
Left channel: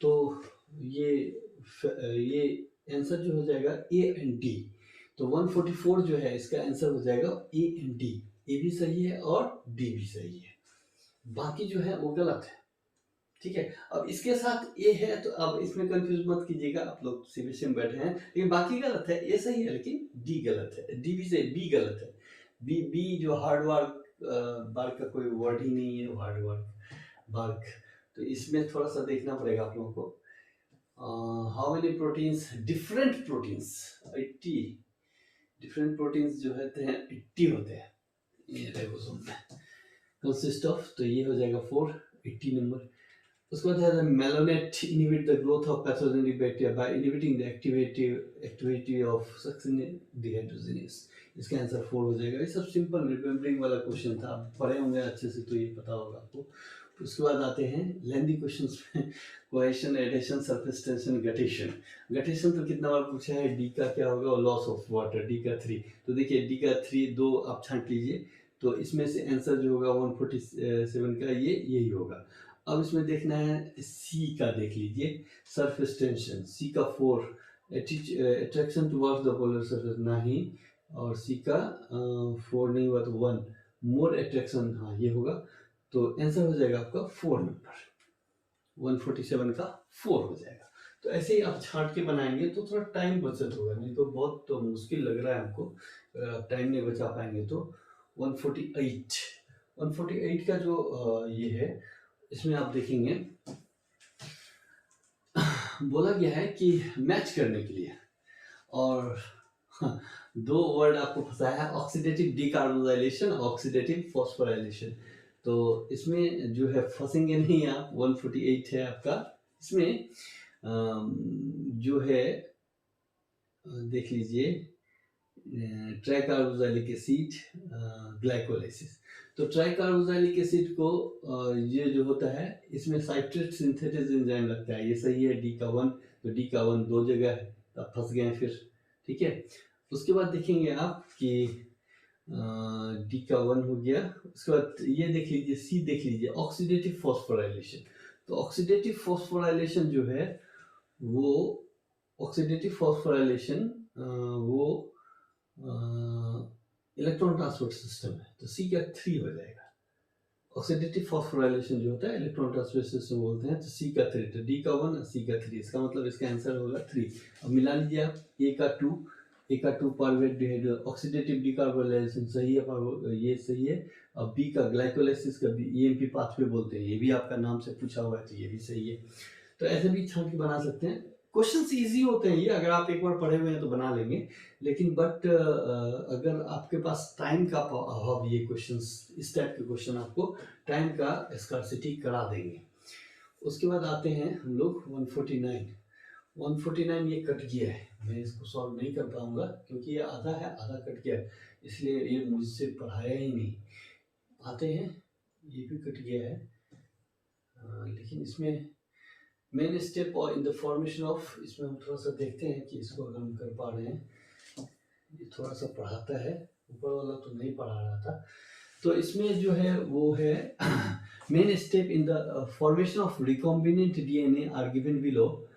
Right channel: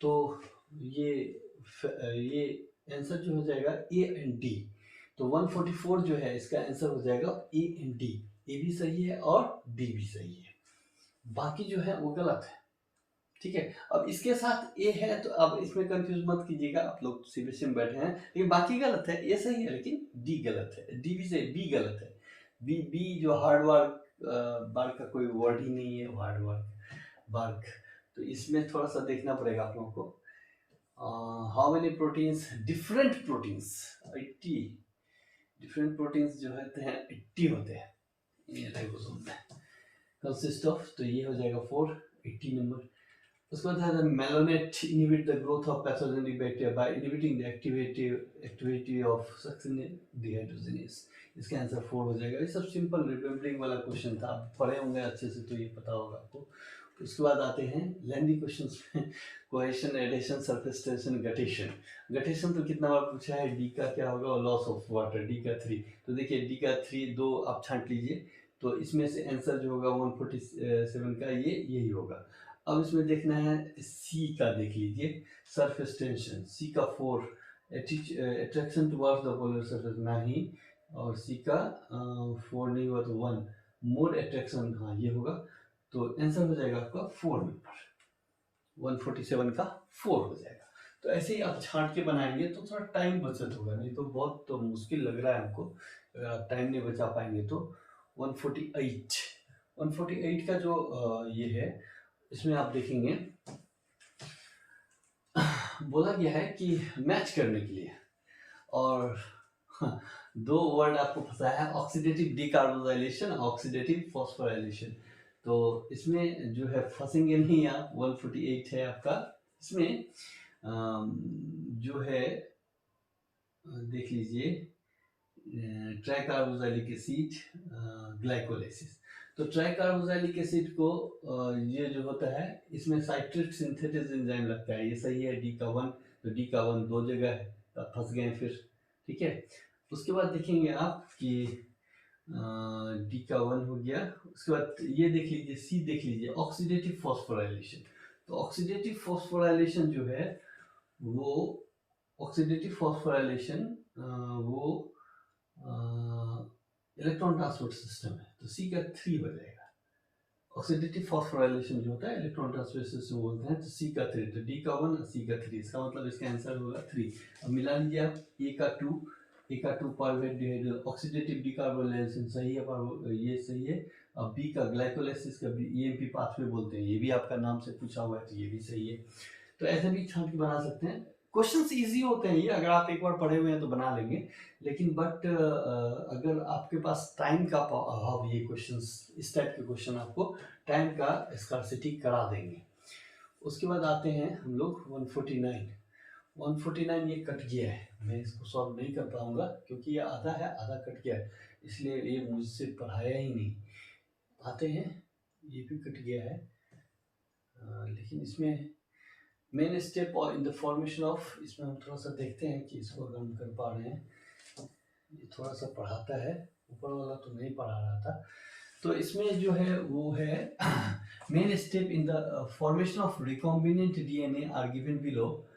तो ये आंसर जो हो जाएगा ए एंड डी। तो 144 जो है इसका आंसर हो जाएगा ए एंड डी, ए भी सही है और डी भी सही है, बाकी जो है वो गलत है, ठीक है। अब इसके साथ ए है, तो अब इसमें कंफ्यूज मत कीजिएगा, आप लोग सीबीएसई में बैठे हैं, लेकिन बाकी गलत है, ए सही है लेकिन डी गलत है, डी भी सही, बी गलत है। बी जो हार्ड वर्क, बार्क का कोई वर्ड ही नहीं है, हार्ड वर्क बार्क, तो इसमें थोड़ा सा देखना पड़ेगा आप लोगों को। How many proteins, different proteins 80, different proteins जो होते हैं 80 होते हैं ये राइबोसोम में, कंसिस्ट ऑफ, तो ये हो जाएगा 4, 80 नंबर। उसके बाद है malonate inhibit the growth of pathogenic bacteria by inhibiting the activity of succinic dehydrogenase. इसका आंसर 4 हो जाएगा। ये सब सिंपल रिमेम्बरिंग वाला क्वेश्चन था, आप पढ़े होंगे अच्छे से तो ये पता होगा आपको। उसके बाद आते हैं लेंदी क्वेश्चंस में, cohesion, adhesion, surface tension, guttation. Guttation तो कितना बार पूछा है, डी का क्या होगा, लॉस ऑफ वाटर, डी का 3। तो देखिए डी का 3 2 आप छांट लीजिए, तो इसमें से आंसर जो होगा 147 का ये यही होगा। अब इसमें देखना है सी का, देख लीजिए सरफेस टेंशन, सी का 4, attraction towards the polar surface नहीं, और सी का 4 नहीं हुआ तो 1, मोर अट्रैक्शन, हाँ ये होगा। तो आंसर हो जाएगा आपका 4 नंबर, 147 का 4 हो जाएगा। तो ऐसे ही आप छांट के बनाएंगे तो थोड़ा टाइम बचत होगा, नहीं तो बहुत तो मुश्किल लग रहा है हमको, अगर आप टाइम नहीं बचा पाएंगे तो। 148 का जो ये है, इसमें आप देखेंगे बोला गया है कि मैच करने के लिए, और दो वर्ड आपको पता है, ऑक्सीडेटिव डिकार्बोजाइलेशन, ऑक्सीडेटिव फॉस्फोराइलेशन। तो इसमें जो है फंसेंगे नहीं आप, 148 है आपका। इसमें जो है देख लीजिए ट्राइकार्बोजाइलिक एसिड, ग्लाइकोलाइसिस। तो ट्राइकार्बोजाइलिक एसिड को ये जो होता है, इसमें साइट्रेट सिंथेसिस एंजाइम लगता है, ये सही है, डी का 1। तो डी का 1 दो जगह है, तो आप फंस गए फिर, ठीक है। उसके बाद देखेंगे आप कि डी का 1 हो गया। उसके बाद ये देख लीजिए, सी देख लीजिए, ऑक्सीडेटिव फॉस्फोराइलेशन। तो ऑक्सीडेटिव फॉस्फोराइलेशन जो है वो, ऑक्सीडेटिव फॉस्फोराइलेशन वो इलेक्ट्रॉन ट्रांसपोर्ट सिस्टम है, तो सी का 3 हो जाएगा। ऑक्सीडेटिव फॉस्फोराइलेशन जो होता है इलेक्ट्रॉन ट्रांसपोर्ट सिस्टम बोलते हैं, तो सी का 3, तो डी का 1 सी का 3, इसका मतलब इसका आंसर होगा 3। अब मिला लीजिए आप, ए का 2 पायरुवेट डिहाइड्रो, ऑक्सीडेटिव डिकार्बोलाइजेशन सही है, ये सही है। अब बी का ग्लाइकोलाइसिस का भी ईएमपी पाथवे बोलते हैं, ये भी आपका नाम से पूछा हुआ है, तो ये भी सही है। तो ऐसे भी छांट के बना सकते हैं। क्वेश्चंस इजी होते हैं ये, अगर आप एक बार पढ़े हुए हैं तो बना लेंगे, लेकिन बट अगर आपके पास टाइम का अभाव, ये क्वेश्चंस, इस टाइप के क्वेश्चन आपको टाइम का स्कार्सिटी करा देंगे। उसके बाद आते हैं हम लोग 149 ये कट गया है, मैं इसको सॉल्व नहीं कर पाऊंगा क्योंकि ये आधा है, आधा कट गया है, इसलिए ये मुझसे पढ़ाया ही नहीं। आते हैं, ये भी कट गया है, लेकिन इसमें मेन स्टेप और इन द फॉर्मेशन ऑफ, इसमें हम थोड़ा सा देखते हैं कि इसको अगर हम कर पा रहे हैं। ये थोड़ा सा पढ़ाता है, ऊपर वाला तो नहीं पढ़ा रहा था। तो इसमें जो है वो है main step in the formation of recombinant DNA are given below,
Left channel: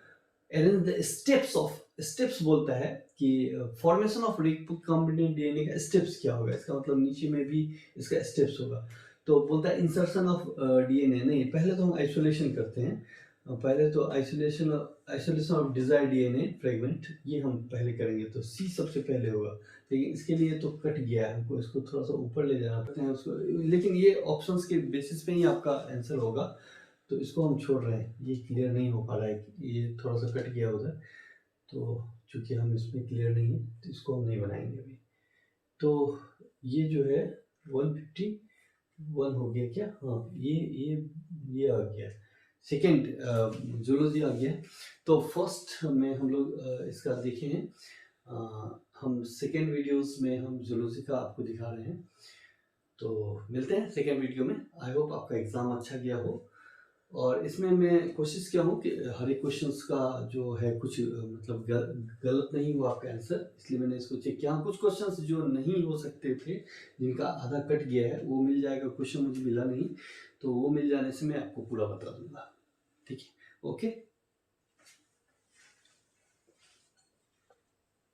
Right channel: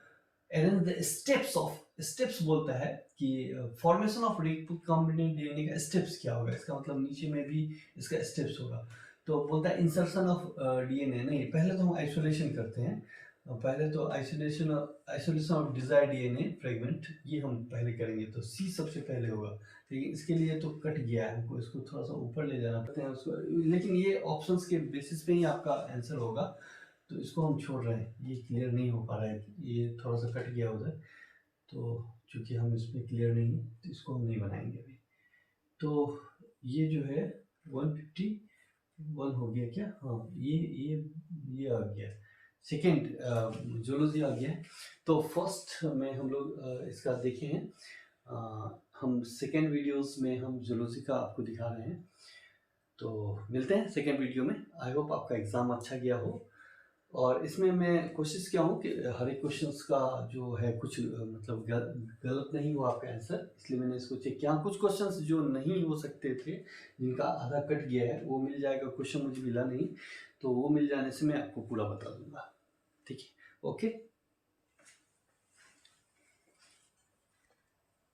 arrange the steps of, steps बोलता है कि फॉर्मेशन ऑफ रिकॉम्बिनेंट डीएनए का स्टेप्स क्या होगा, इसका मतलब नीचे में भी इसका स्टेप्स होगा। तो बोलता है इंसर्शन ऑफ डीएनए, नहीं पहले तो हम आइसोलेशन करते हैं, पहले तो isolation of desired DNA fragment, ये हम पहले करेंगे, तो सी सबसे पहले होगा। लेकिन इसके लिए तो कट गया है, हमको इसको थोड़ा सा ऊपर ले जाना पड़ता है उसको, लेकिन ये ऑप्शंस के बेसिस पे ही आपका आंसर होगा, तो इसको हम छोड़ रहे हैं, ये क्लियर नहीं हो पा रहा है, ये थोड़ा सा कट गया उधर, तो चूँकि हम इसमें क्लियर नहीं है तो इसको हम नहीं बनाएंगे अभी। तो ये जो है 151 हो गया क्या, हाँ ये आ गया, सेकेंड जूलॉजी आ गया। तो फर्स्ट में हम लोग इसका देखे हैं, हम सेकेंड वीडियोस में हम जूलॉजी का आपको दिखा रहे हैं। तो मिलते हैं सेकेंड वीडियो में। आई होप आपका एग्ज़ाम अच्छा गया हो, और इसमें मैं कोशिश किया हूँ कि हर एक क्वेश्चंस का जो है कुछ मतलब गलत नहीं हुआ आपका आंसर, इसलिए मैंने इसको चेक किया। कुछ क्वेश्चंस जो नहीं हो सकते थे, जिनका आधा कट गया है, वो मिल जाएगा, क्वेश्चन मुझे मिला नहीं, तो वो मिल जाने से मैं आपको पूरा बता दूंगा, ठीक है, ओके।